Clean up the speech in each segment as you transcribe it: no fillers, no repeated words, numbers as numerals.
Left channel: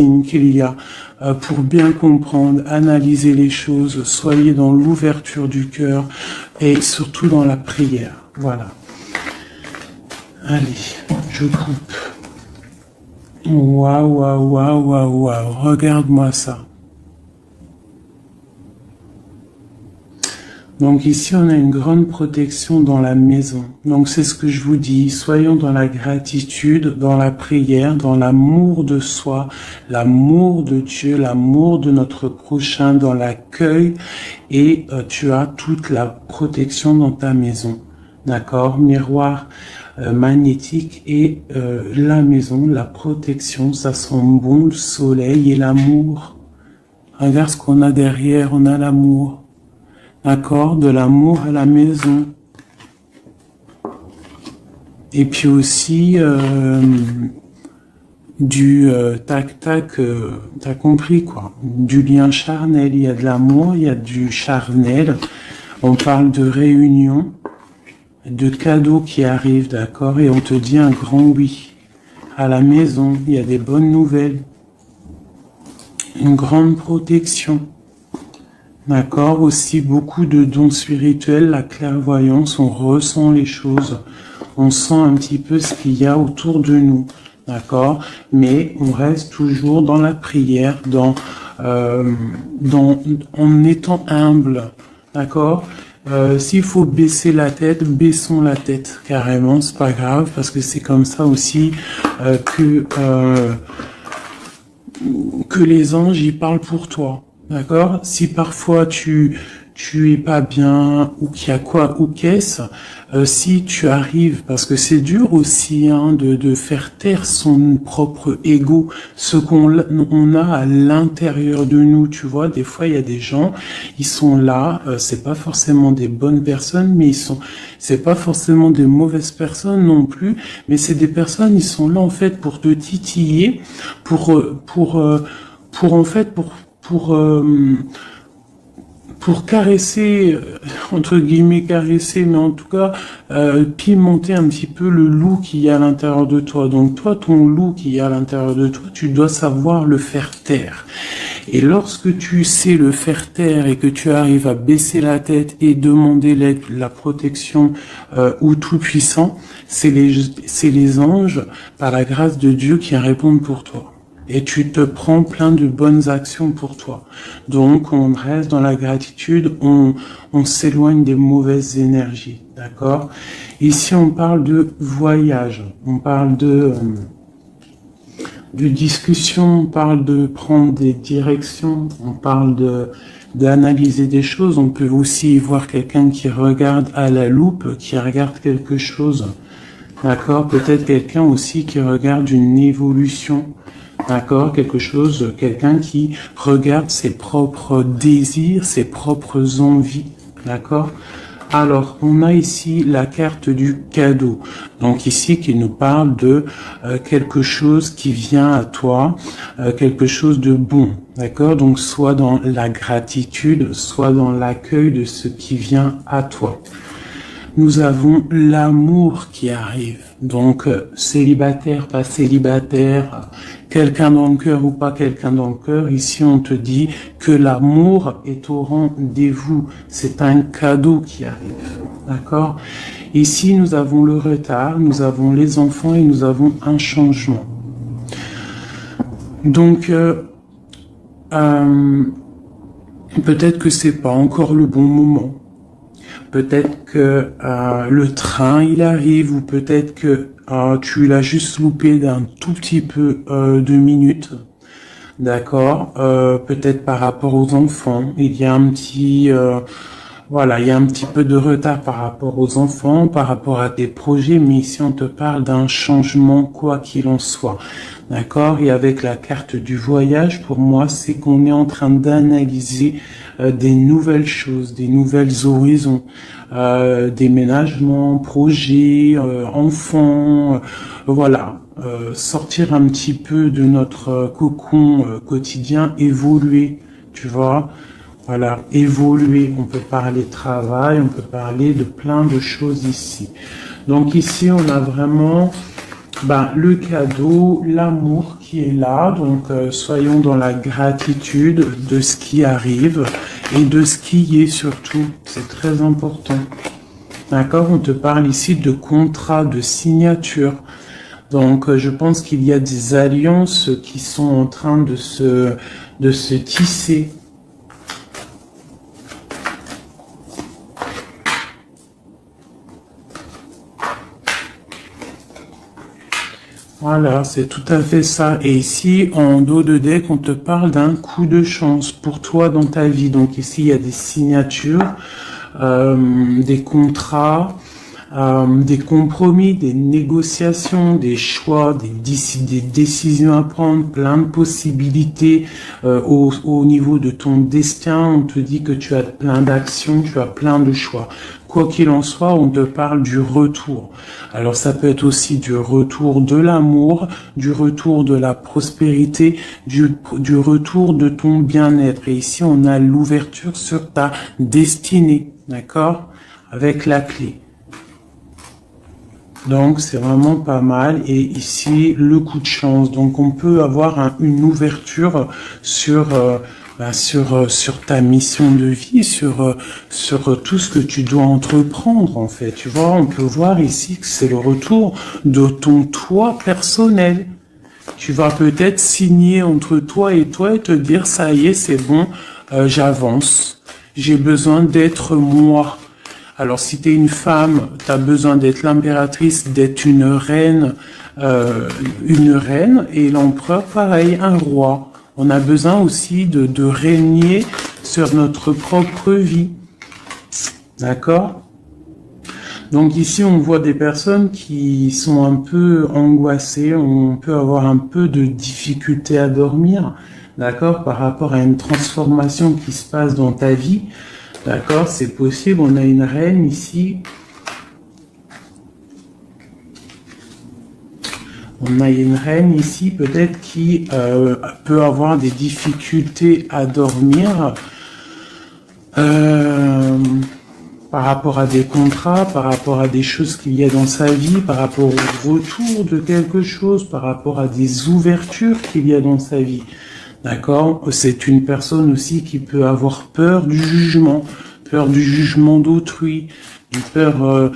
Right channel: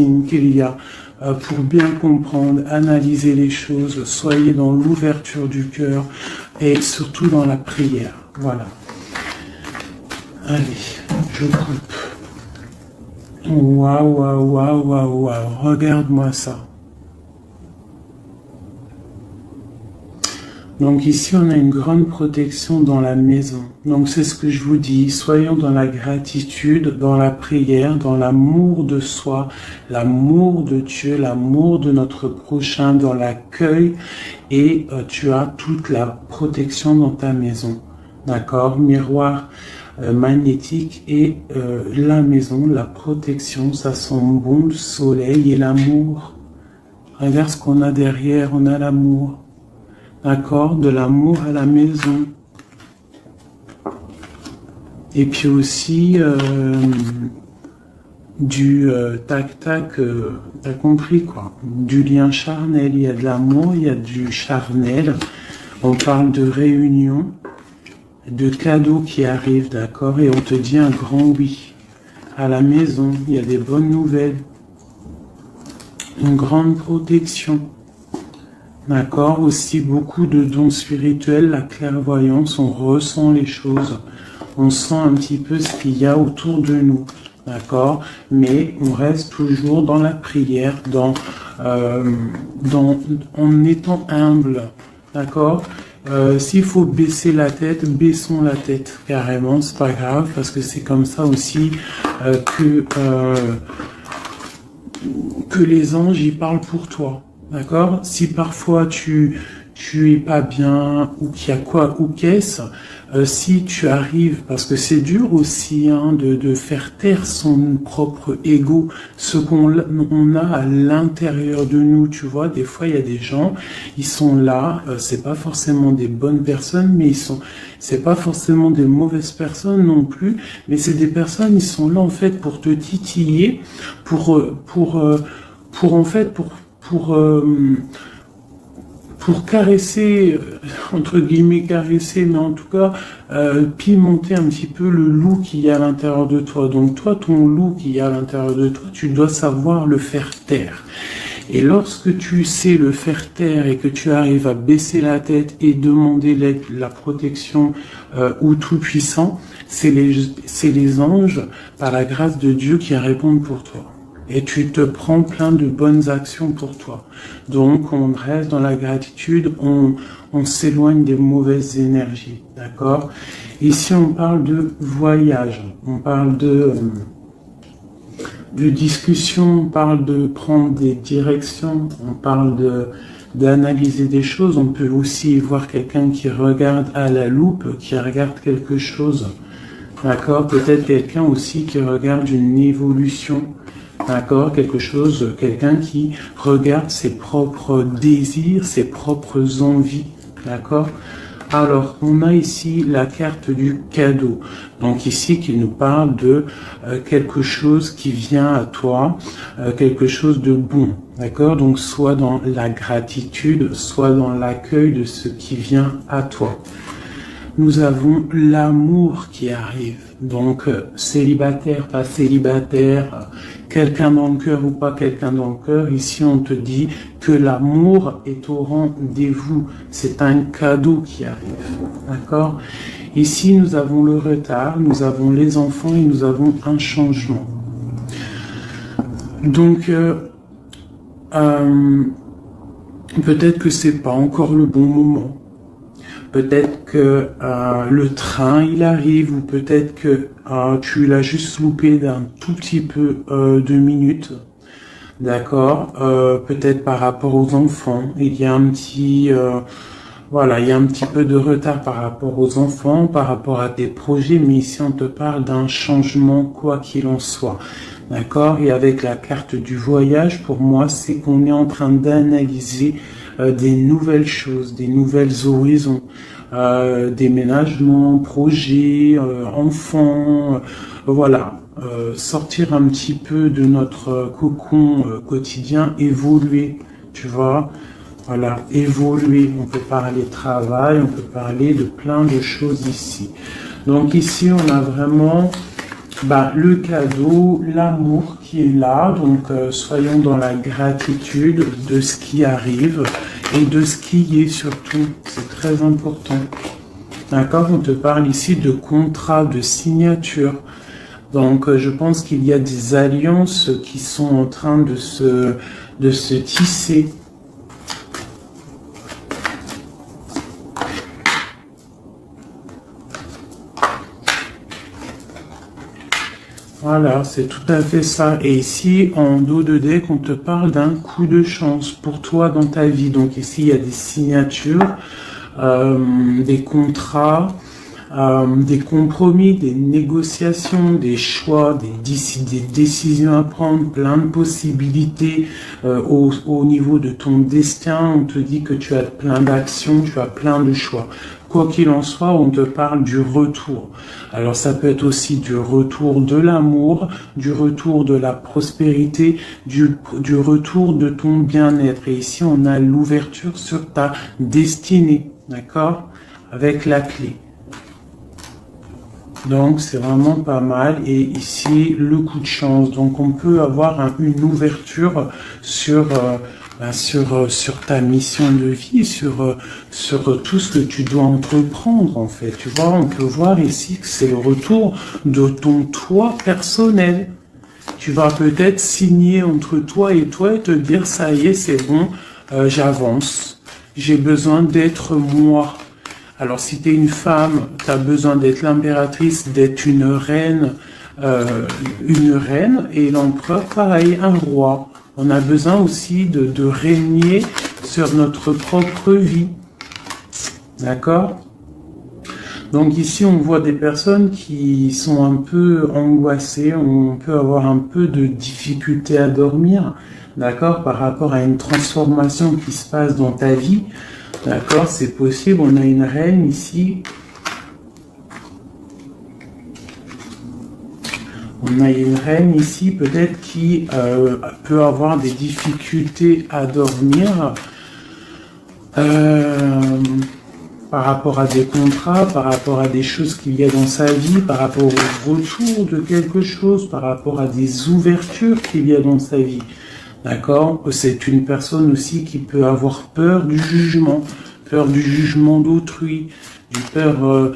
signes qu'il y a pour bien comprendre, analyser les choses. Soyez dans l'ouverture du cœur et surtout dans la prière. Voilà. Allez, je coupe. Waouh, waouh, waouh, waouh, waouh. Regarde-moi ça. Donc ici, on a une grande protection dans la maison. Donc c'est ce que je vous dis. Soyons dans la gratitude, dans la prière, dans l'amour de soi, l'amour de Dieu, l'amour de notre prochain, dans l'accueil. Et tu as toute la protection dans ta maison. D'accord? Miroir magnétique et la maison, la protection, ça sent bon, le soleil et l'amour. Regarde ce qu'on a derrière, on a l'amour. D'accord, de l'amour à la maison. Et puis aussi du tac-tac, t'as compris quoi. Du lien charnel, il y a de l'amour, il y a du charnel. On parle de réunion, de cadeaux qui arrivent, d'accord, et on te dit un grand oui. À la maison, il y a des bonnes nouvelles. Une grande protection. D'accord, aussi beaucoup de dons spirituels, la clairvoyance, on ressent les choses, on sent un petit peu ce qu'il y a autour de nous, d'accord, mais on reste toujours dans la prière, en étant humble, d'accord. S'il faut baisser la tête, baissons la tête, carrément, c'est pas grave, parce que c'est comme ça aussi que les anges y parlent pour toi. D'accord? Si parfois tu es pas bien ou qu'il y a quoi ou qu'est-ce, si tu arrives, parce que c'est dur aussi de faire taire son propre ego, ce qu'on a à l'intérieur de nous, tu vois, des fois il y a des gens, ils sont là, c'est pas forcément des bonnes personnes, mais c'est pas forcément des mauvaises personnes non plus, mais c'est des personnes, ils sont là en fait pour te titiller, pour caresser, entre guillemets caresser, mais en tout cas pimenter un petit peu le loup qui est à l'intérieur de toi. Donc toi, ton loup qui est à l'intérieur de toi, tu dois savoir le faire taire. Et lorsque tu sais le faire taire et que tu arrives à baisser la tête et demander l'aide, la protection au Tout-Puissant, c'est les anges, par la grâce de Dieu, qui répondent pour toi. Et tu te prends plein de bonnes actions pour toi. Donc, on reste dans la gratitude, on s'éloigne des mauvaises énergies, d'accord? Ici, on parle de voyage, on parle de discussion, on parle de prendre des directions, on parle d'analyser des choses. On peut aussi voir quelqu'un qui regarde à la loupe, qui regarde quelque chose, d'accord? Peut-être quelqu'un aussi qui regarde une évolution. D'accord, quelqu'un qui regarde ses propres désirs, ses propres envies, d'accord. Alors, on a ici la carte du cadeau, donc ici qui nous parle de quelque chose qui vient à toi, quelque chose de bon, d'accord. Donc, soit dans la gratitude, soit dans l'accueil de ce qui vient à toi. Nous avons l'amour qui arrive, donc célibataire, pas célibataire, quelqu'un dans le cœur ou pas quelqu'un dans le cœur, ici on te dit que l'amour est au rendez-vous, c'est un cadeau qui arrive, d'accord? Ici nous avons le retard, nous avons les enfants et nous avons un changement. Donc peut-être que c'est pas encore le bon moment. Peut-être que le train il arrive, ou peut-être que tu l'as juste loupé d'un tout petit peu de minutes, d'accord. Peut-être par rapport aux enfants, il y a un petit il y a un petit peu de retard par rapport aux enfants, par rapport à des projets, mais ici on te parle d'un changement quoi qu'il en soit, d'accord. Et avec la carte du voyage, pour moi, c'est qu'on est en train d'analyser des nouvelles choses, des nouvelles horizons, déménagement, projets, enfants, voilà, sortir un petit peu de notre cocon quotidien, évoluer, tu vois, voilà, évoluer. On peut parler travail, on peut parler de plein de choses ici. Donc ici, on a vraiment Ben, le cadeau, l'amour qui est là, donc soyons dans la gratitude de ce qui arrive et de ce qui est surtout, c'est très important. D'accord, on te parle ici de contrat, de signature. Donc je pense qu'il y a des alliances qui sont en train de se tisser. Voilà, c'est tout à fait ça. Et ici, en dos de deck, on te parle d'un coup de chance pour toi dans ta vie. Donc ici, il y a des signatures, des contrats, des compromis, des négociations, des choix, des décisions à prendre, plein de possibilités au niveau de ton destin. On te dit que tu as plein d'actions, tu as plein de choix. Quoi qu'il en soit, on te parle du retour. Alors ça peut être aussi du retour de l'amour, du retour de la prospérité, du retour de ton bien-être. Et ici, on a l'ouverture sur ta destinée, d'accord? Avec la clé. Donc c'est vraiment pas mal. Et ici le coup de chance. Donc on peut avoir une ouverture sur sur ta mission de vie, sur tout ce que tu dois entreprendre en fait. Tu vois, on peut voir ici que c'est le retour de ton toi personnel. Tu vas peut-être signer entre toi et te dire ça y est, c'est bon, j'avance. J'ai besoin d'être moi. Alors, si tu es une femme, tu as besoin d'être l'impératrice, d'être une reine, et l'empereur, pareil, un roi. On a besoin aussi de régner sur notre propre vie. D'accord? Donc ici, on voit des personnes qui sont un peu angoissées, on peut avoir un peu de difficulté à dormir, d'accord, par rapport à une transformation qui se passe dans ta vie. D'accord, c'est possible. On a une reine ici. On a une reine ici, peut-être qui peut avoir des difficultés à dormir par rapport à des contrats, par rapport à des choses qu'il y a dans sa vie, par rapport au retour de quelque chose, par rapport à des ouvertures qu'il y a dans sa vie. D'accord? C'est une personne aussi qui peut avoir peur du jugement d'autrui, peur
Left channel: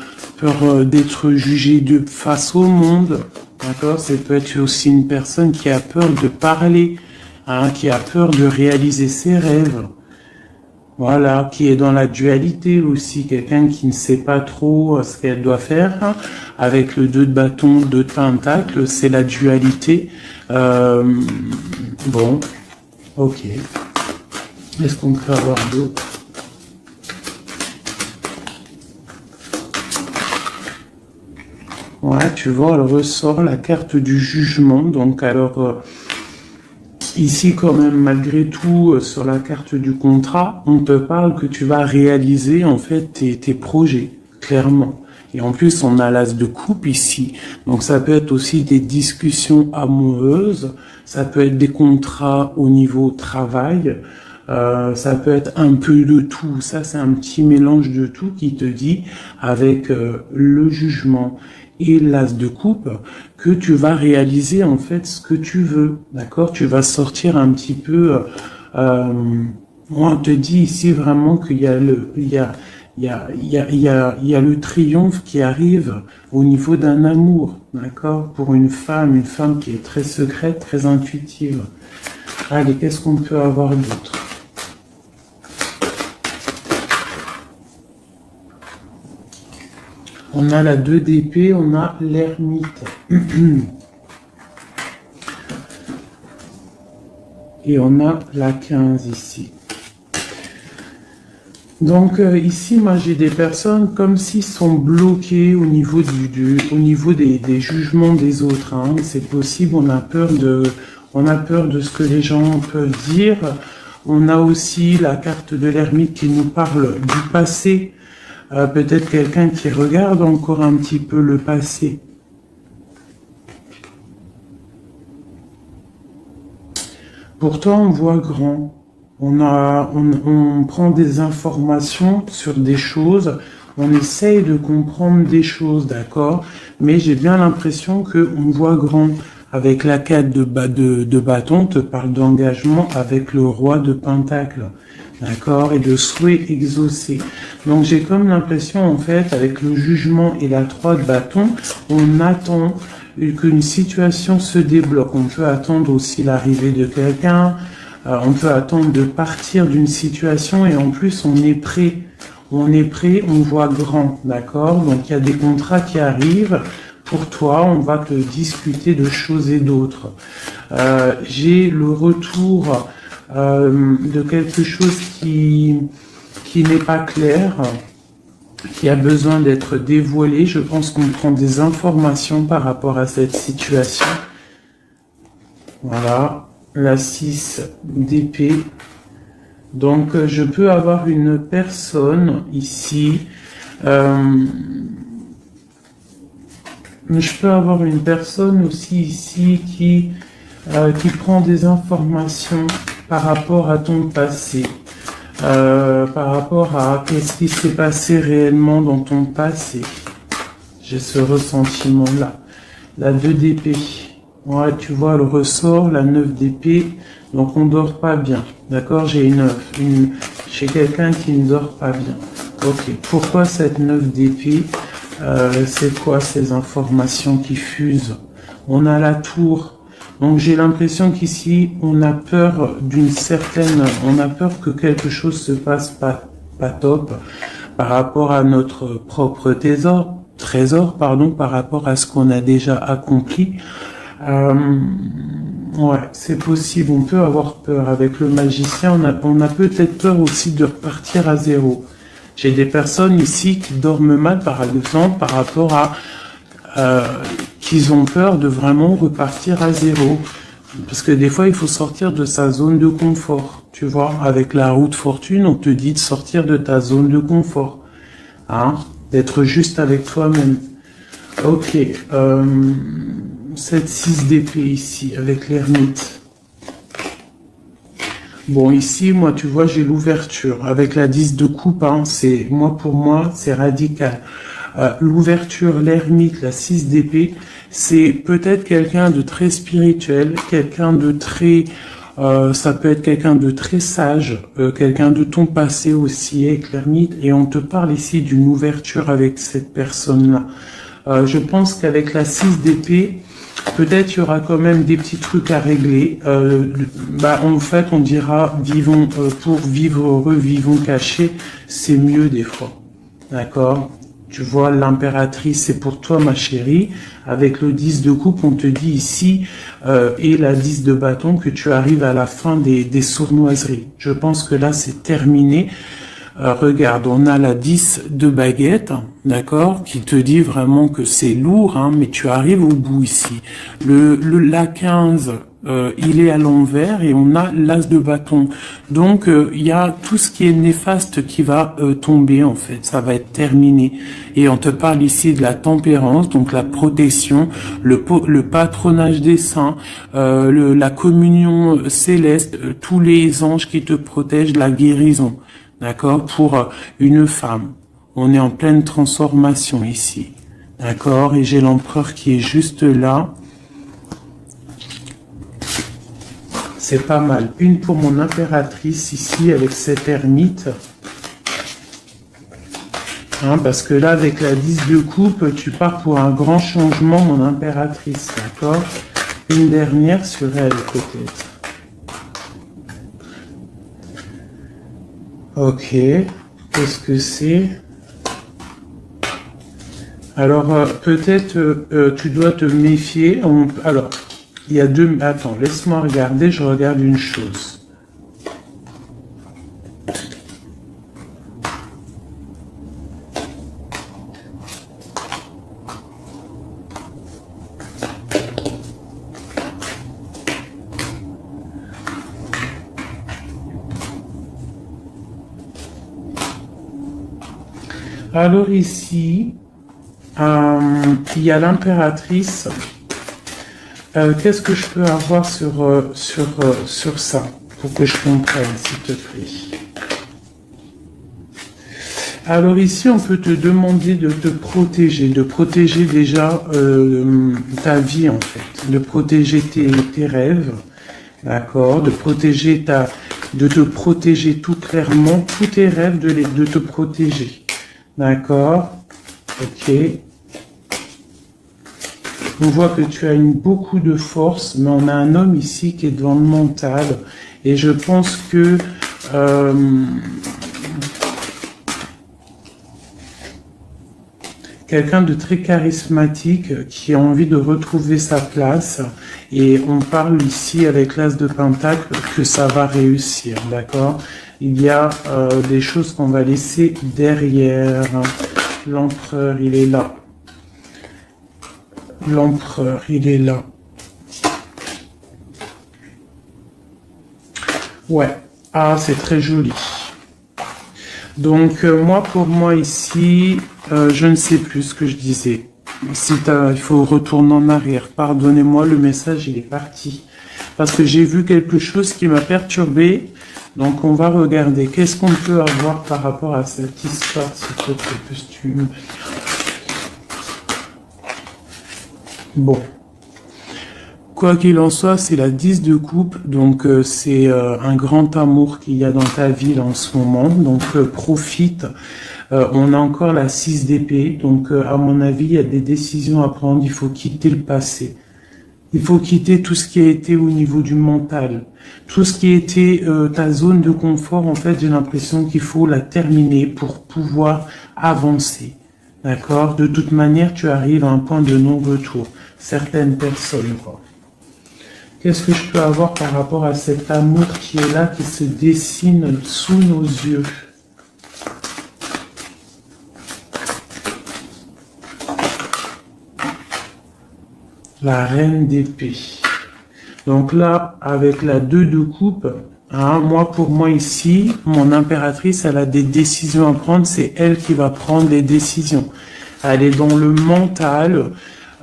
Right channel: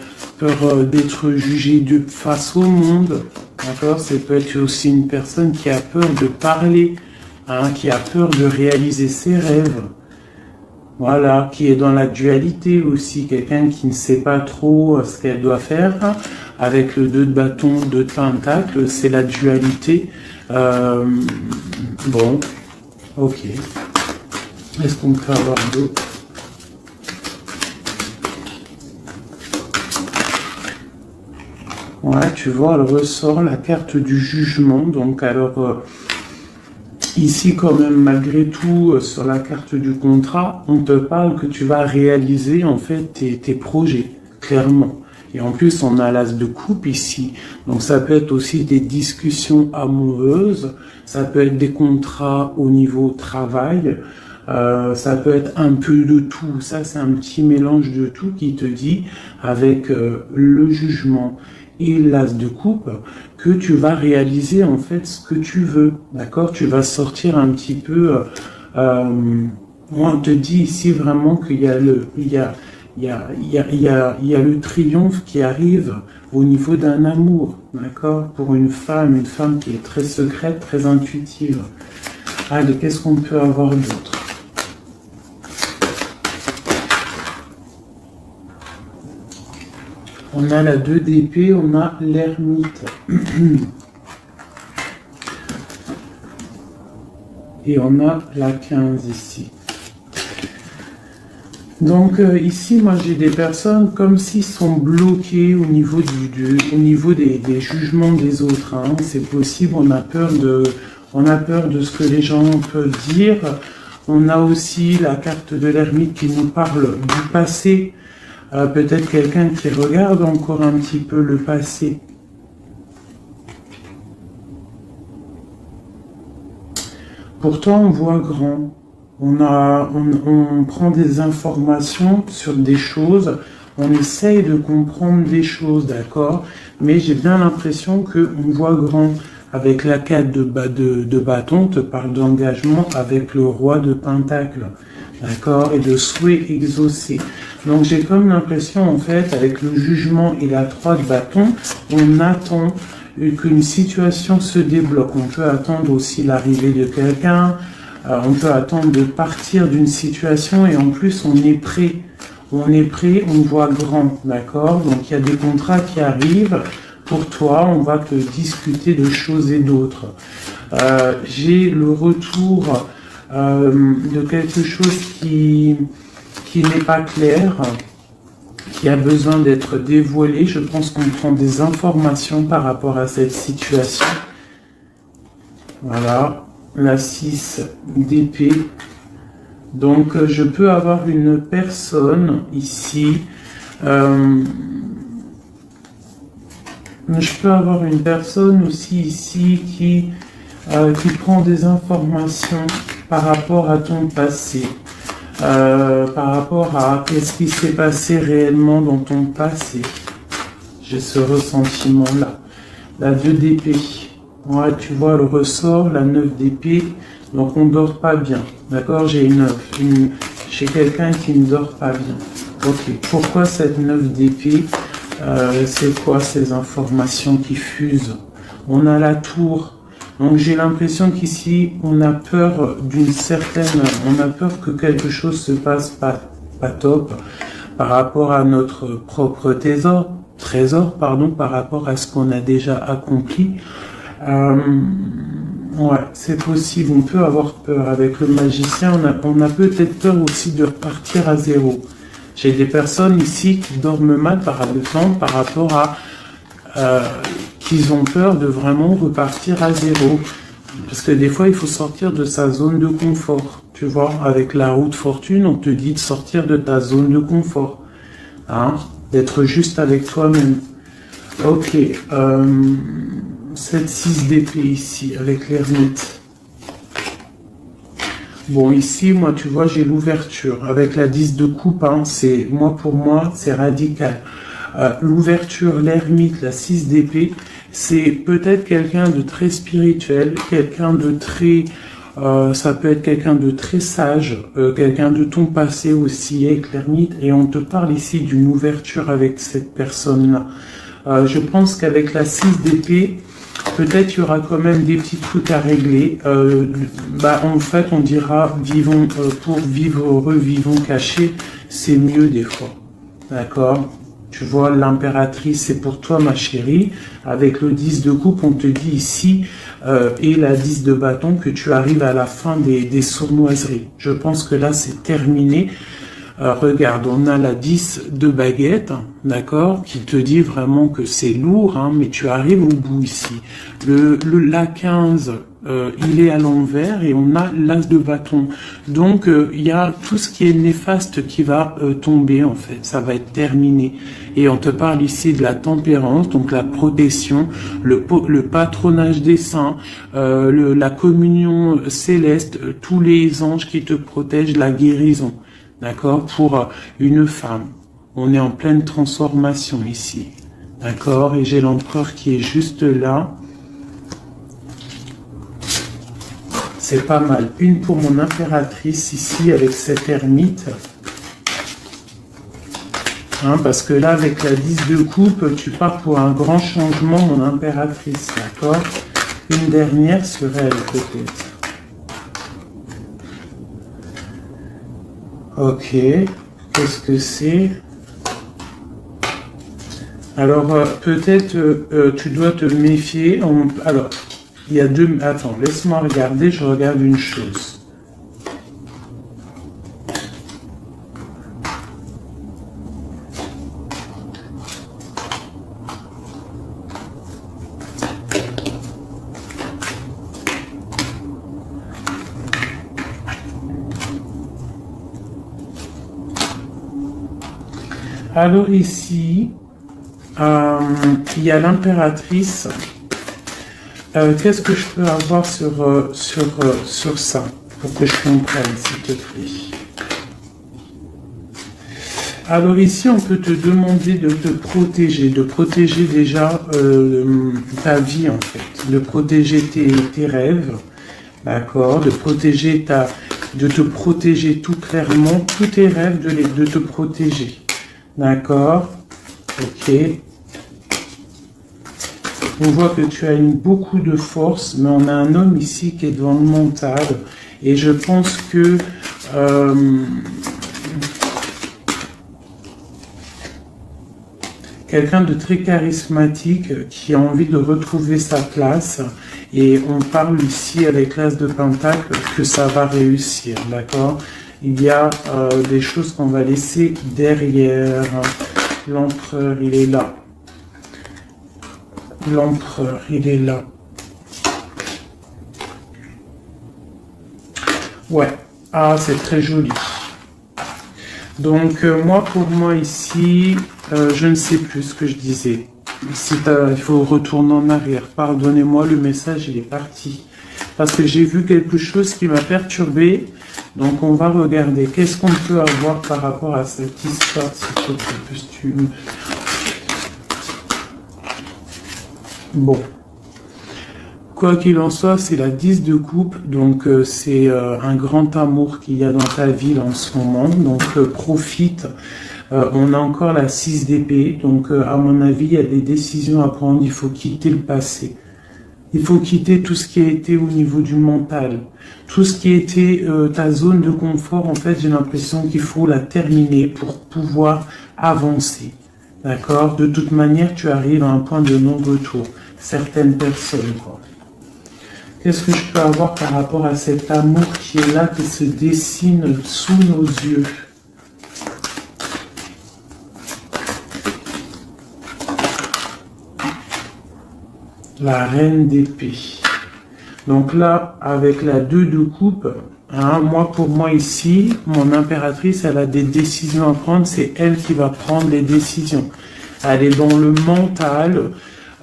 d'être jugé face au monde. D'accord? C'est peut-être aussi une personne qui a peur de parler, hein, qui a peur de réaliser ses rêves. Voilà, qui est dans la dualité aussi, quelqu'un qui ne sait pas trop ce qu'elle doit faire. Avec le 2 de bâton, 2 de pentacle, c'est la dualité. Bon, ok. Est-ce qu'on peut avoir d'autres? Ouais, tu vois, elle ressort la carte du jugement. Donc, alors, ici, quand même, malgré tout, sur la carte du contrat, on te parle que tu vas réaliser, en fait, tes projets, clairement. Et en plus, on a l'as de coupe ici. Donc, ça peut être aussi des discussions amoureuses. Ça peut être des contrats au niveau travail. Ça peut être un peu de tout. Ça, c'est un petit mélange de tout qui te dit, avec le jugement et l'as de coupe, que tu vas réaliser en fait ce que tu veux. D'accord? Tu vas sortir un petit peu... on te dit ici vraiment qu'il y a le triomphe qui arrive au niveau d'un amour, d'accord? Pour une femme qui est très secrète, très intuitive. Allez, qu'est-ce qu'on peut avoir d'autre? On a la 2 d'épée, on a l'ermite. Et on a la 15 ici. Donc ici, moi j'ai des personnes comme s'ils sont bloqués au niveau des jugements des autres. Hein. C'est possible, on a peur de ce que les gens peuvent dire. On a aussi la carte de l'ermite qui nous parle du passé. Peut-être quelqu'un qui regarde encore un petit peu le passé. Pourtant, on voit grand. On prend des informations sur des choses. On essaye de comprendre des choses, d'accord? Mais j'ai bien l'impression qu'on voit grand. Avec la 4 de bâton, on te parle d'engagement avec le roi de pentacle, d'accord? Et de souhait exaucé. Donc j'ai comme l'impression, en fait, avec le jugement et la 3 de bâton, on attend qu'une situation se débloque. On peut attendre aussi l'arrivée de quelqu'un, on peut attendre de partir d'une situation et en plus on est prêt. On est prêt, on voit grand, d'accord? Donc il y a des contrats qui arrivent. Pour toi, on va te discuter de choses et d'autres. J'ai le retour de quelque chose qui n'est pas clair, qui a besoin d'être dévoilé. Je pense qu'on prend des informations par rapport à cette situation. Voilà, la 6 d'épée. Donc, je peux avoir une personne ici. Je peux avoir une personne aussi ici qui prend des informations par rapport à ton passé. Par rapport à qu'est-ce qui s'est passé réellement dans ton passé. J'ai ce ressentiment-là. La 2 d'épée. Ouais, tu vois, le ressort, la 9 d'épée. Donc, on ne dort pas bien. D'accord? J'ai j'ai quelqu'un qui ne dort pas bien. Ok. Pourquoi cette 9 d'épée? C'est quoi ces informations qui fusent? On a la tour. Donc j'ai l'impression qu'ici, on a peur on a peur que quelque chose se passe pas top par rapport à notre propre trésor, par rapport à ce qu'on a déjà accompli. Ouais, c'est possible, on peut avoir peur. Avec le magicien, on a peut-être peur aussi de repartir à zéro. J'ai des personnes ici qui dorment mal par exemple par rapport à qu'ils ont peur de vraiment repartir à zéro. Parce que des fois, il faut sortir de sa zone de confort. Tu vois, avec la roue de fortune, on te dit de sortir de ta zone de confort. Hein? D'être juste avec toi-même. Ok. Cette 6 d'épée ici, avec l'ermite. Bon, ici, moi, tu vois, j'ai l'ouverture. Avec la 10 de coupe, hein, pour moi, c'est radical. L'ouverture, l'ermite, la 6 d'épée, c'est peut-être quelqu'un de très spirituel, quelqu'un de très... ça peut être quelqu'un de très sage, quelqu'un de ton passé aussi, avec l'ermite. Et on te parle ici d'une ouverture avec cette personne-là. Je pense qu'avec la 6 d'épée, peut-être il y aura quand même des petits trucs à régler. En fait, on dira vivons pour vivre heureux, vivons cachés, c'est mieux des fois. D'accord? Tu vois, l'impératrice, c'est pour toi, ma chérie. Avec le 10 de coupe, on te dit ici, et la 10 de bâton, que tu arrives à la fin des sournoiseries. Je pense que là, c'est terminé. Regarde, on a la 10 de baguette, d'accord, qui te dit vraiment que c'est lourd, hein, mais tu arrives au bout ici. La 15, il est à l'envers et on a l'as de bâton. Donc, il y a tout ce qui est néfaste qui va tomber, en fait. Ça va être terminé. Et on te parle ici de la tempérance, donc la protection, le patronage des saints, la communion céleste, tous les anges qui te protègent, la guérison. D'accord? Pour une femme. On est en pleine transformation ici. D'accord? Et j'ai l'empereur qui est juste là. C'est pas mal. Une pour mon impératrice ici avec cette ermite. Hein, parce que là, avec la 10 de coupe, tu pars pour un grand changement, mon impératrice. D'accord? Une dernière sur elle, peut-être. Ok, qu'est-ce que c'est? Alors, peut-être tu dois te méfier. Alors, il y a deux... Attends, laisse-moi regarder, je regarde une chose. Alors ici, il y a l'impératrice. Qu'est-ce que je peux avoir sur ça pour que je comprenne, s'il te plaît? Alors ici, on peut te demander de de protéger déjà ta vie en fait, de protéger tes rêves, d'accord, de te protéger tout clairement, tous tes rêves, de te protéger, d'accord, ok. On voit que tu as beaucoup de force, mais on a un homme ici qui est dans le mental, et je pense que quelqu'un de très charismatique qui a envie de retrouver sa place. Et on parle ici avec l'As de Pentacle que ça va réussir, d'accord? Il y a des choses qu'on va laisser derrière. L'empereur, il est là. L'empereur, il est là. Ouais. Ah, c'est très joli. Donc, pour moi ici, je ne sais plus ce que je disais. Il faut retourner en arrière. Pardonnez-moi, le message, il est parti. Parce que j'ai vu quelque chose qui m'a perturbé. Donc, on va regarder. Qu'est-ce qu'on peut avoir par rapport à cette histoire, ce costume. Bon. Quoi qu'il en soit, c'est la 10 de coupe, donc c'est un grand amour qu'il y a dans ta vie en ce moment, donc profite. On a encore la 6 d'épée, donc à mon avis, il y a des décisions à prendre, il faut quitter le passé. Il faut quitter tout ce qui a été au niveau du mental. Tout ce qui a été ta zone de confort, en fait, j'ai l'impression qu'il faut la terminer pour pouvoir avancer. D'accord? De toute manière, tu arrives à un point de non-retour. Certaines personnes, quoi. Qu'est-ce que je peux avoir par rapport à cet amour qui est là, qui se dessine sous nos yeux? La reine d'épée. Donc là, avec la 2 de coupe, hein, pour moi ici, mon impératrice, elle a des décisions à prendre, c'est elle qui va prendre les décisions. Elle est dans le mental.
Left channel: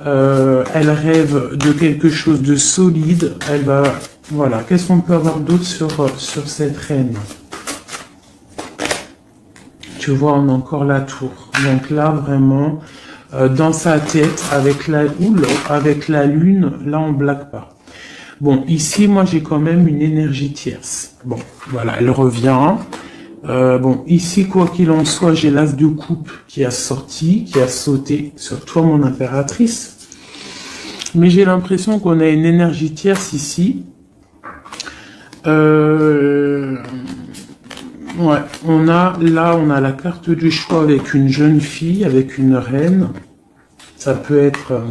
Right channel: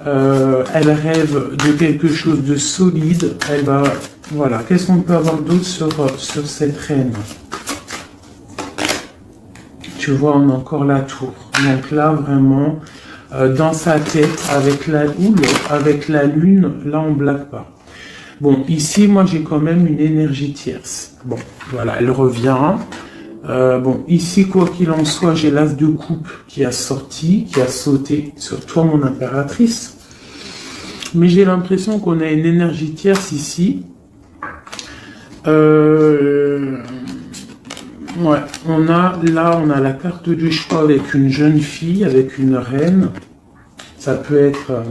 Elle rêve de quelque chose de solide. Elle va, voilà. Qu'est-ce qu'on peut avoir d'autre sur cette reine? Tu vois, on a encore la tour. Donc là, vraiment, dans sa tête, avec la lune, là, on blague pas. Bon, ici, moi, j'ai quand même une énergie tierce. Bon, voilà, elle revient. Bon, ici, quoi qu'il en soit, j'ai l'as de coupe qui a sauté sur toi, mon impératrice. Mais j'ai l'impression qu'on a une énergie tierce ici. Ouais, on a la carte du choix avec une jeune fille, avec une reine. Ça peut être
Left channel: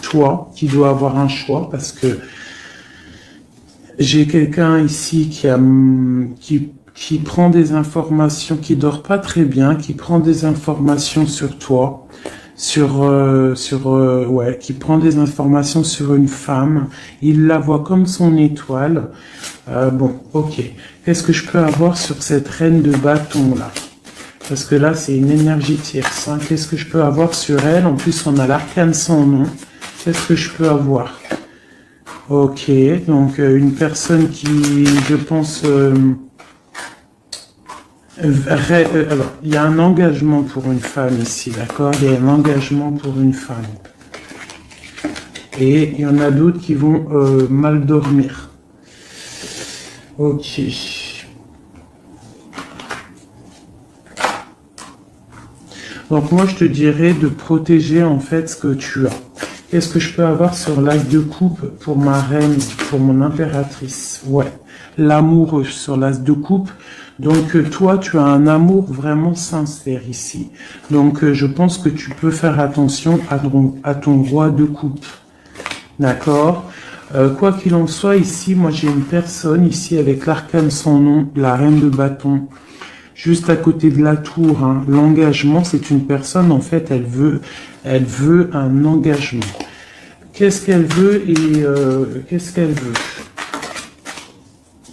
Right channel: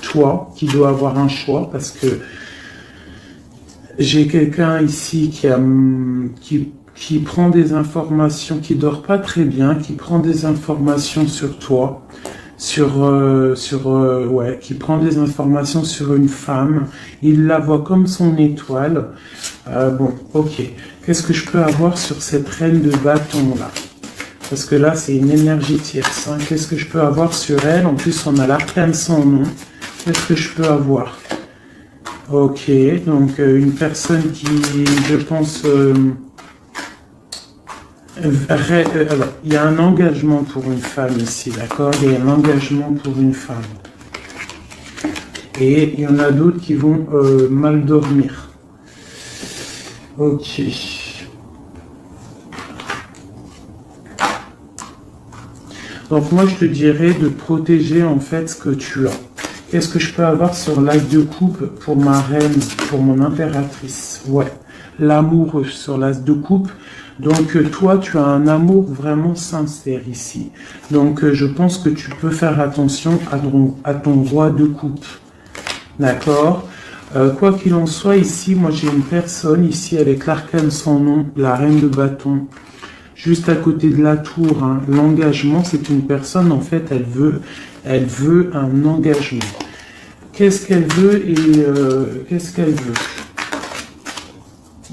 toi qui dois avoir un choix parce que j'ai quelqu'un ici qui prend des informations, qui dort pas très bien, qui prend des informations sur toi, qui prend des informations sur une femme. Il la voit comme son étoile. Bon, ok. Qu'est-ce que je peux avoir sur cette reine de bâton là? Parce que là, c'est une énergie tierce. Hein. Qu'est-ce que je peux avoir sur elle? En plus, on a l'arcane son nom. Qu'est-ce que je peux avoir? Ok, donc une personne qui, je pense... alors, il y a un engagement pour une femme ici, d'accord? Il y a un engagement pour une femme. Et il y en a d'autres qui vont mal dormir. Ok. Donc moi, je te dirais de protéger en fait ce que tu as. Qu'est-ce que je peux avoir sur l'as de coupe pour ma reine, pour mon impératrice? Ouais, l'amour sur l'as de coupe. Donc toi, tu as un amour vraiment sincère ici. Donc je pense que tu peux faire attention à ton roi de coupe. D'accord? Quoi qu'il en soit, ici, moi j'ai une personne ici avec l'arcane sans nom, la reine de bâton. Juste à côté de la tour, hein. L'engagement, c'est une personne, en fait, elle veut un engagement. Qu'est-ce qu'elle veut et qu'est-ce qu'elle veut?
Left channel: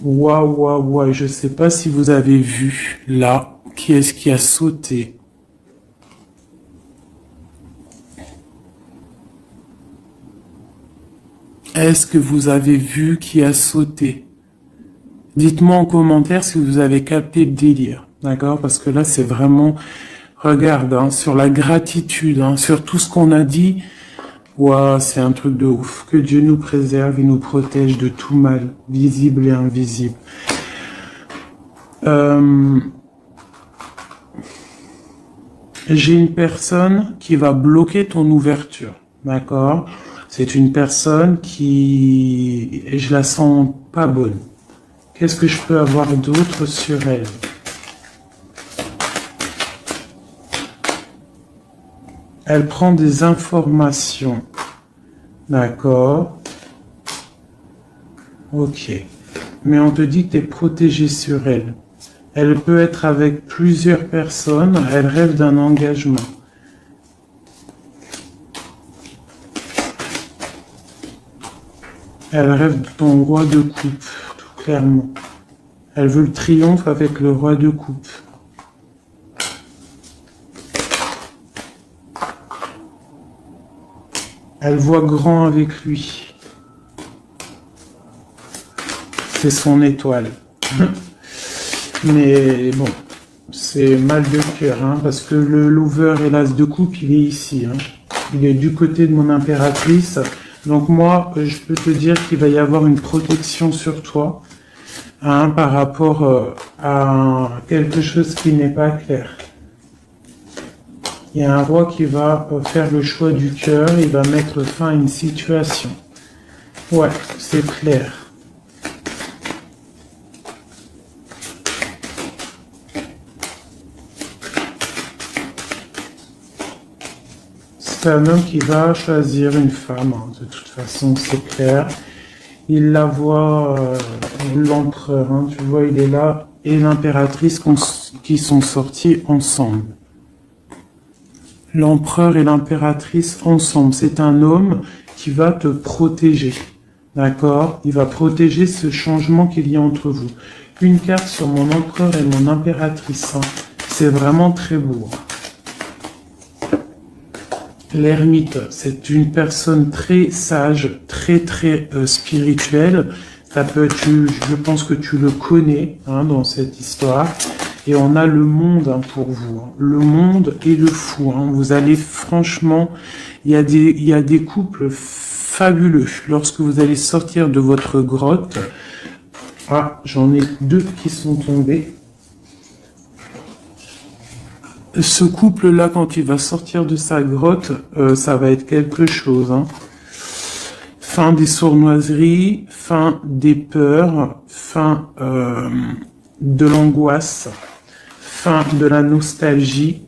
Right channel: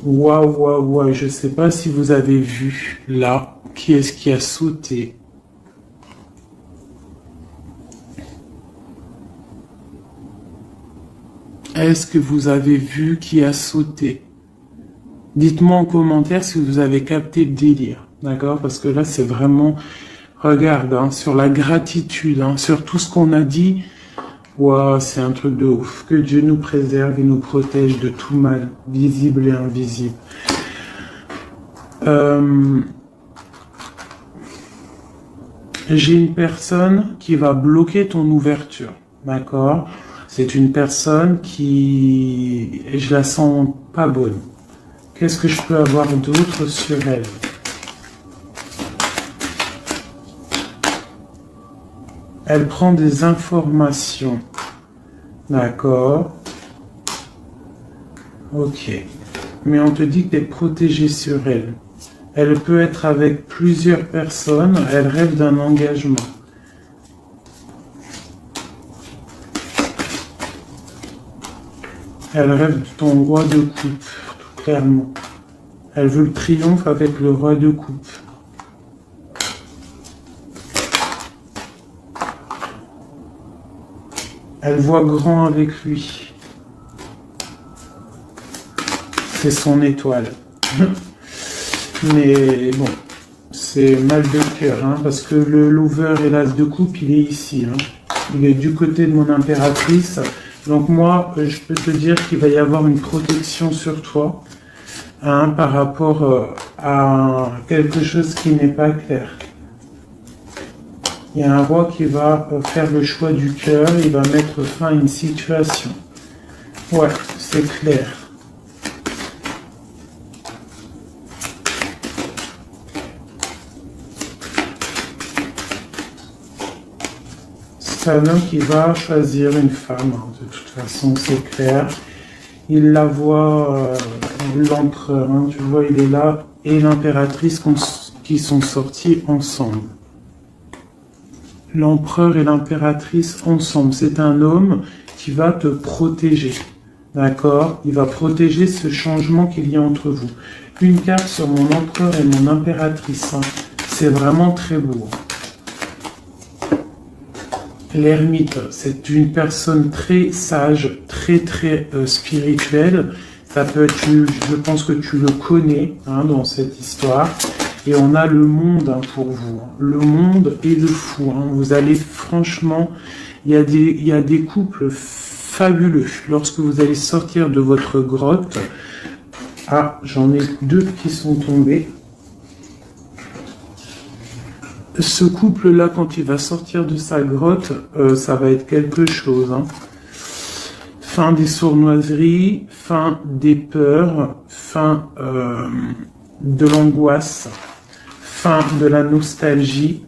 Waouh, je ne sais pas si vous avez vu, là, qui est-ce qui a sauté? Est-ce que vous avez vu qui a sauté? Dites-moi en commentaire si vous avez capté le délire. D'accord? Parce que là, c'est vraiment, regarde, hein, sur la gratitude, hein, sur tout ce qu'on a dit. Waouh, c'est un truc de ouf. Que Dieu nous préserve et nous protège de tout mal, visible et invisible. J'ai une personne qui va bloquer ton ouverture. D'accord? C'est une personne qui... je la sens pas bonne. Qu'est-ce que je peux avoir d'autre sur elle? Elle prend des informations. D'accord. Ok. Mais on te dit que tu es protégé sur elle. Elle peut être avec plusieurs personnes. Elle rêve d'un engagement. Elle rêve de ton roi de coupe, tout clairement. Elle veut le triomphe avec le roi de coupe. Elle voit grand avec lui. C'est son étoile. Mais bon, c'est mal de cœur, hein, parce que le lover et l'as de coupe, il est ici. Hein. Il est du côté de mon impératrice. Donc moi, je peux te dire qu'il va y avoir une protection sur toi, hein, par rapport à quelque chose qui n'est pas clair. Il y a un roi qui va faire le choix du cœur, il va mettre fin à une situation. Ouais, c'est clair. C'est un homme qui va choisir une femme, hein. De toute façon, c'est clair. Il la voit, l'empereur, hein, tu vois, il est là, et l'impératrice qui sont sortis ensemble. L'empereur et l'impératrice ensemble. C'est un homme qui va te protéger. D'accord? Il va protéger ce changement qu'il y a entre vous. Une carte sur mon empereur et mon impératrice. Hein. C'est vraiment très beau. L'ermite, c'est une personne très sage, très spirituelle. Ça peut être, je pense que tu le connais, hein, dans cette histoire. Et on a le monde, hein, pour vous. Le monde et le fou. Hein. Vous allez franchement, il y a des couples fabuleux. Lorsque vous allez sortir de votre grotte, ah, j'en ai deux qui sont tombés. Ce couple-là, quand il va sortir de sa grotte, ça va être quelque chose. Hein. Fin des sournoiseries, fin des peurs, fin de l'angoisse, fin de la nostalgie,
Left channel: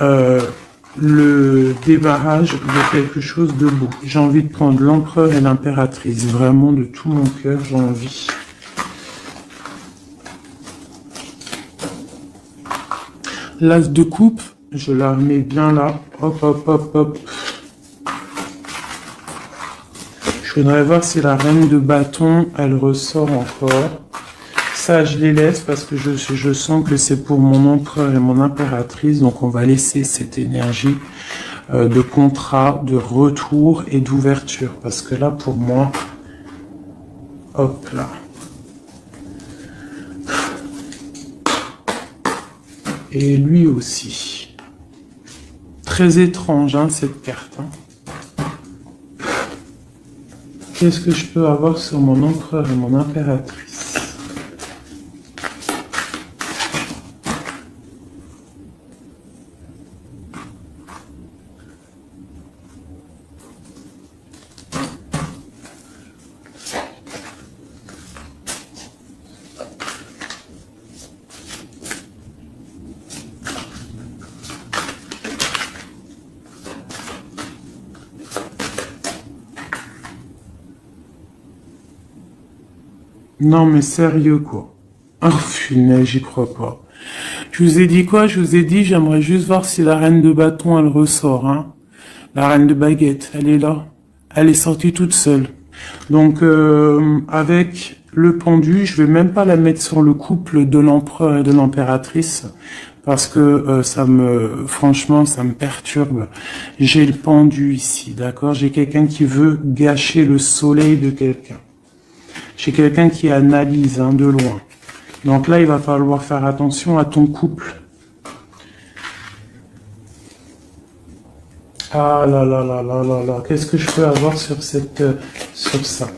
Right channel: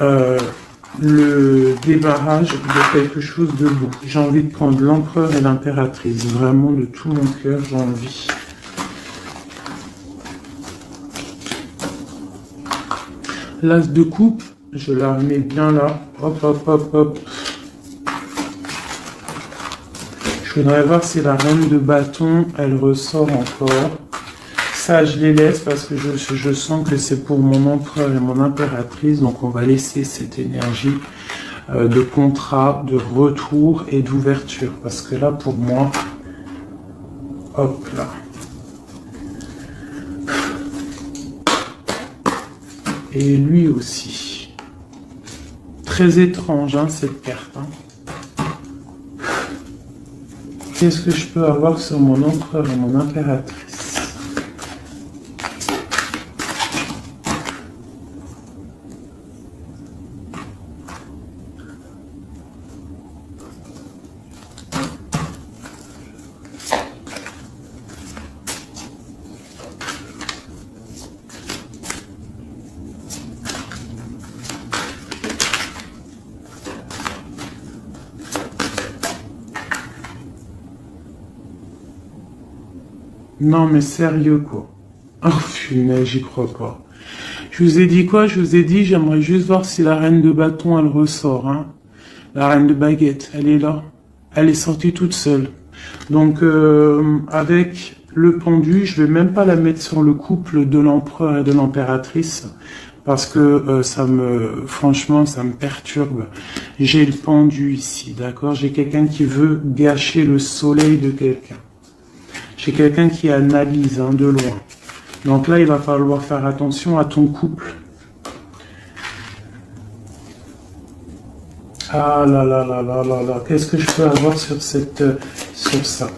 le débarrage de quelque chose de beau. J'ai envie de prendre l'empereur et l'impératrice. Vraiment, de tout mon cœur, j'ai envie. L'as de coupe, je la remets bien là. Hop, hop, hop, hop. Je voudrais voir si la reine de bâton, elle ressort encore. Ça, je les laisse parce que je sens que c'est pour mon empereur et mon impératrice. Donc, on va laisser cette énergie de contrat, de retour et d'ouverture. Parce que là, pour moi, hop là. Et lui aussi. Très étrange, hein, cette carte. Hein. Qu'est-ce que je peux avoir sur mon empereur et mon impératrice? Non, mais sérieux, quoi. Oh, punaise, j'y crois pas. Je vous ai dit quoi? Je vous ai dit, j'aimerais juste voir si la reine de bâton, elle ressort, hein. La reine de baguette, elle est là. Elle est sortie toute seule. Donc, avec le pendu, je vais même pas la mettre sur le couple de l'empereur et de l'impératrice. Parce que franchement, ça me perturbe. J'ai le pendu ici, d'accord? J'ai quelqu'un qui veut gâcher le soleil de quelqu'un. J'ai quelqu'un qui analyse, hein, de loin. Donc là, il va falloir faire attention à ton couple. Ah là là là là là là, qu'est-ce que je peux avoir sur sur ça?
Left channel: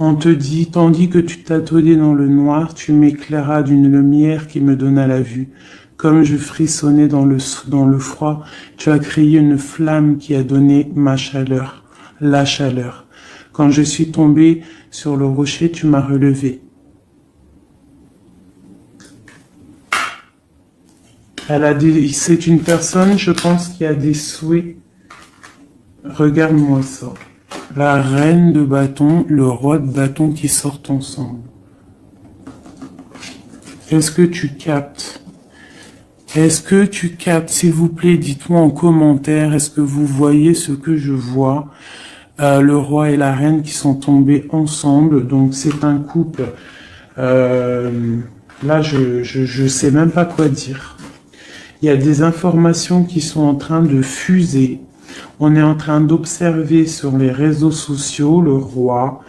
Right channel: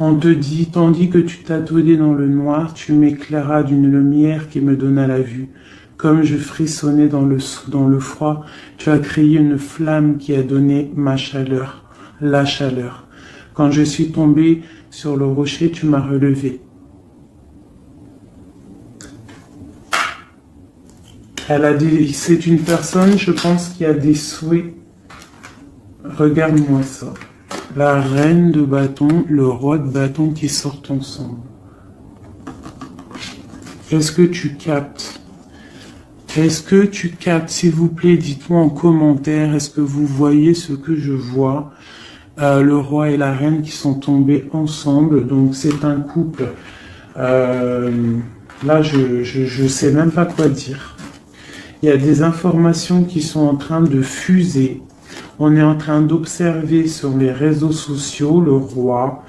On te dit, tandis que tu tâtonnais dans le noir, tu m'éclairas d'une lumière qui me donna la vue. Comme je frissonnais dans le froid, tu as créé une flamme qui a donné ma chaleur, la chaleur. Quand je suis tombé sur le rocher, tu m'as relevé. C'est une personne, je pense, qui a des souhaits. Regarde-moi ça. La reine de bâton, le roi de bâton qui sortent ensemble. Est-ce que tu captes? Est-ce que tu captes? S'il vous plaît, dites-moi en commentaire, est-ce que vous voyez ce que je vois? Le roi et la reine qui sont tombés ensemble, donc c'est un couple. Là, je sais même pas quoi dire. Il y a des informations qui sont en train de fuser. On est en train d'observer sur les réseaux sociaux le roi,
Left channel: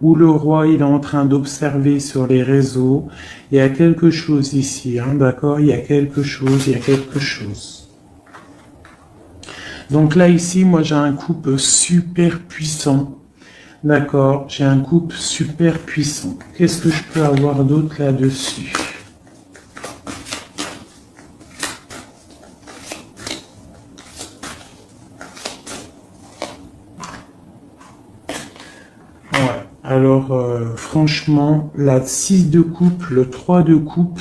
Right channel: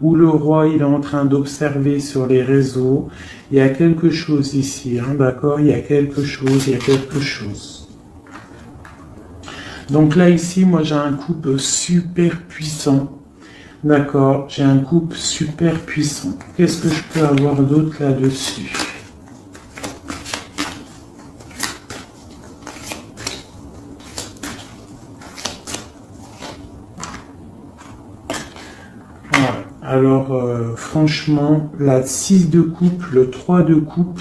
ou le roi il est en train d'observer sur les réseaux. Il y a quelque chose ici, hein, d'accord? Il y a quelque chose. Donc là ici, moi j'ai un couple super puissant. D'accord? J'ai un couple super puissant. Qu'est-ce que je peux avoir d'autre là-dessus? Alors, franchement, la 6 de coupe, le 3 de coupe,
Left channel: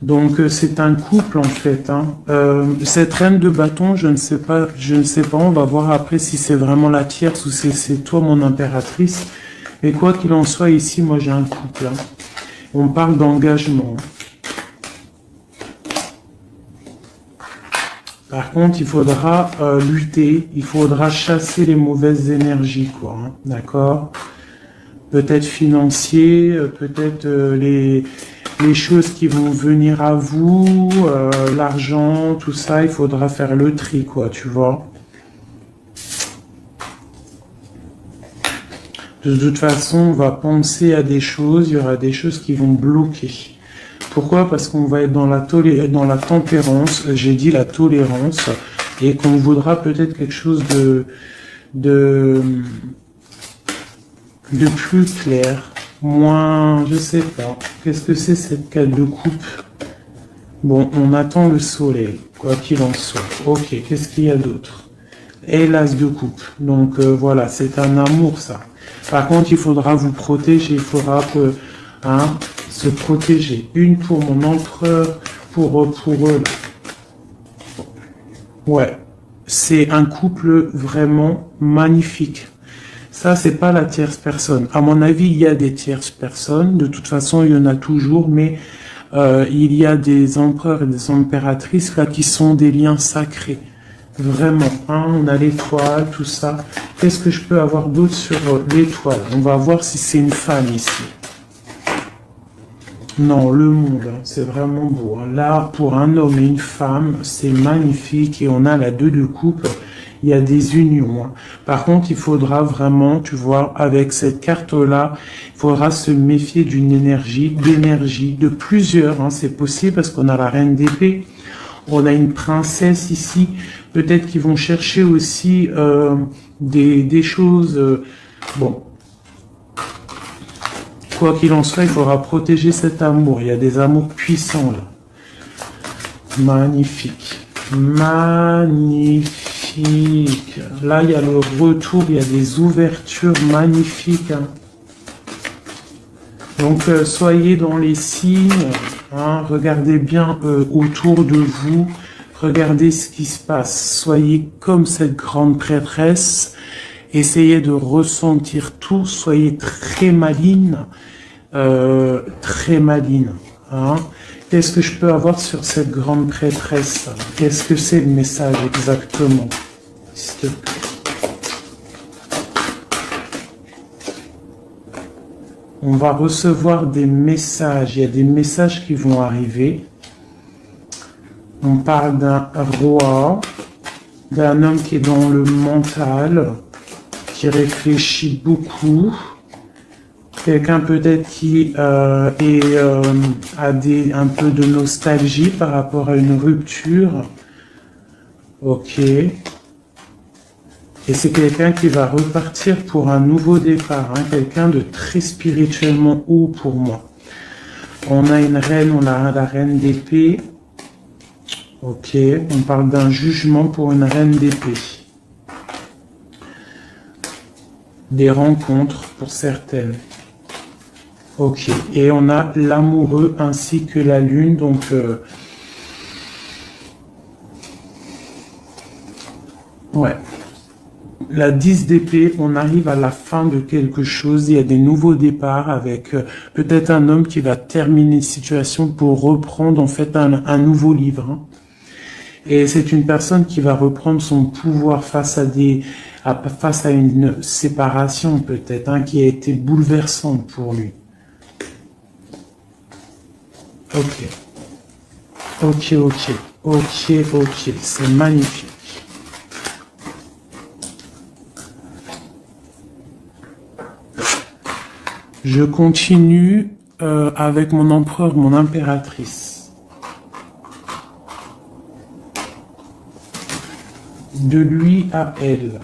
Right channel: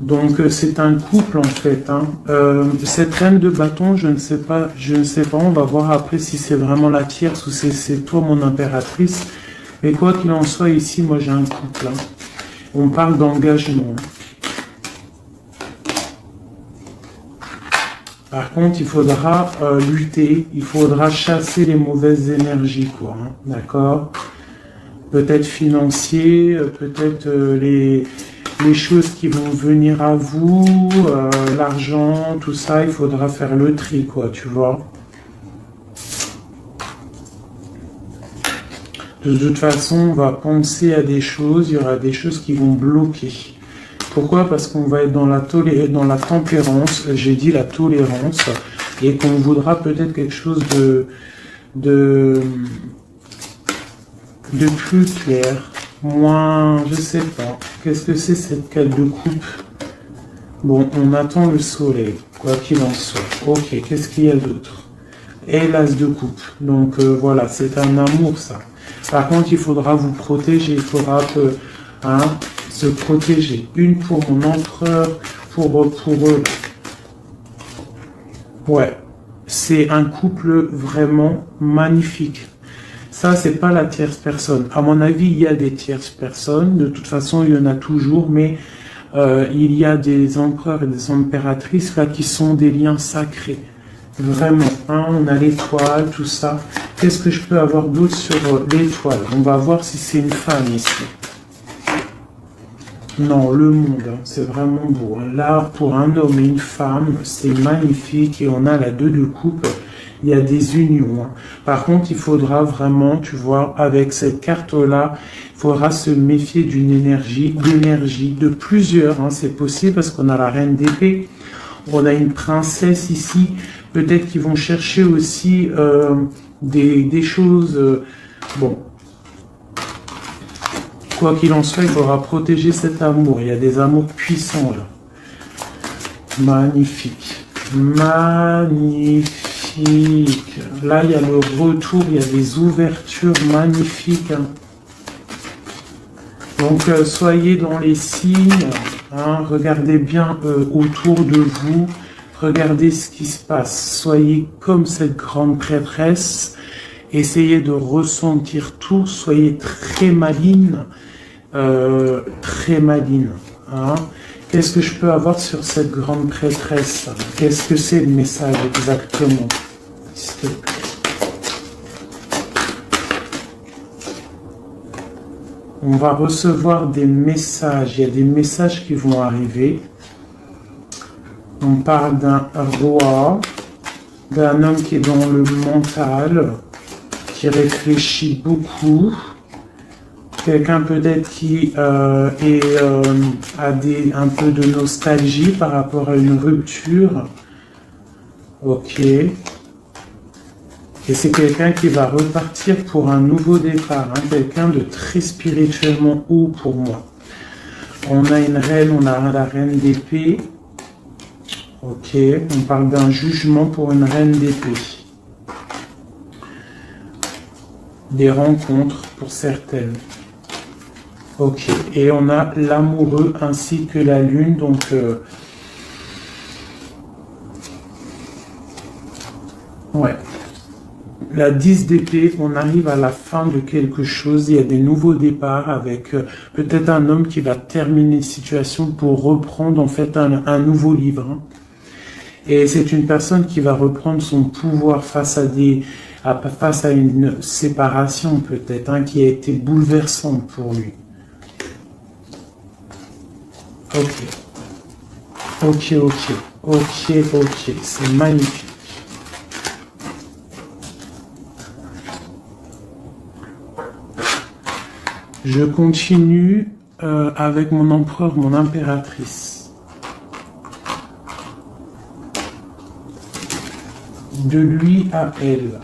donc c'est un couple en fait. Hein. Cette reine de bâton, je ne sais pas, on va voir après si c'est vraiment la tierce ou si c'est toi mon impératrice. Mais quoi qu'il en soit, ici, moi j'ai un couple. Hein. On parle d'engagement. Par contre, il faudra lutter, il faudra chasser les mauvaises énergies, quoi. Hein. D'accord? Peut-être financier, peut-être les choses qui vont venir à vous, l'argent, tout ça, il faudra faire le tri, quoi, tu vois. De toute façon, on va penser à des choses, il y aura des choses qui vont bloquer. Pourquoi? Parce qu'on va être dans la tempérance, j'ai dit la tolérance, et qu'on voudra peut-être quelque chose de plus clair, moins, je sais pas. Qu'est-ce que c'est cette carte de coupe? Bon, on attend le soleil, quoi qu'il en soit. Ok, qu'est-ce qu'il y a d'autre? Et l'as de coupe. Donc voilà, c'est un amour ça. Par contre, il faudra vous protéger, il faudra se protéger. Une pour mon empereur, pour eux là. Ouais, c'est un couple vraiment magnifique. Ça, c'est pas la tierce personne. À mon avis, il y a des tierces personnes. De toute façon, il y en a toujours, mais il y a des empereurs et des impératrices là qui sont des liens sacrés. Vraiment. Hein, on a l'étoile, tout ça. Qu'est-ce que je peux avoir d'autre sur l'étoile? On va voir si c'est une femme ici. Non, le monde, hein, c'est vraiment beau. Là, pour un homme et une femme, c'est magnifique. Et on a la 2 de coupe. Il y a des unions. Hein. Par contre, il faudra vraiment, tu vois, avec cette carte-là, il faudra se méfier d'énergie, de plusieurs. Hein. C'est possible parce qu'on a la reine d'épée. On a une princesse ici. Peut-être qu'ils vont chercher aussi des choses... bon. Quoi qu'il en soit, il faudra protéger cet amour. Il y a des amours puissants là. Magnifique. Magnifique. Là, il y a le retour, il y a des ouvertures magnifiques. Hein. Donc, soyez dans les signes. Hein, regardez bien autour de vous. Regardez ce qui se passe. Soyez comme cette grande prêtresse. Essayez de ressentir tout. Soyez très maligne. Très maligne. Hein. Qu'est-ce que je peux avoir sur cette grande prêtresse? Qu'est-ce que c'est le message exactement? S'il te plaît. On va recevoir des messages. Il y a des messages qui vont arriver. On parle d'un roi, d'un homme qui est dans le mental, qui réfléchit beaucoup. Quelqu'un peut-être qui a un peu de nostalgie par rapport à une rupture. Ok. Et c'est quelqu'un qui va repartir pour un nouveau départ. Hein. Quelqu'un de très spirituellement haut pour moi. On a une reine, on a la reine d'épée. Ok. On parle d'un jugement pour une reine d'épée. Des rencontres pour certaines. Ok, et on a l'amoureux ainsi que la lune, donc ouais. La 10 d'épée, on arrive à la fin de quelque chose, il y a des nouveaux départs avec peut-être un homme qui va terminer une situation pour reprendre en fait un nouveau livre. Hein. Et c'est une personne qui va reprendre son pouvoir face à une séparation peut-être, hein, qui a été bouleversante pour lui. Ok. Ok, ok. Ok, ok. C'est magnifique. Je continue avec mon empereur, mon impératrice. De lui à elle.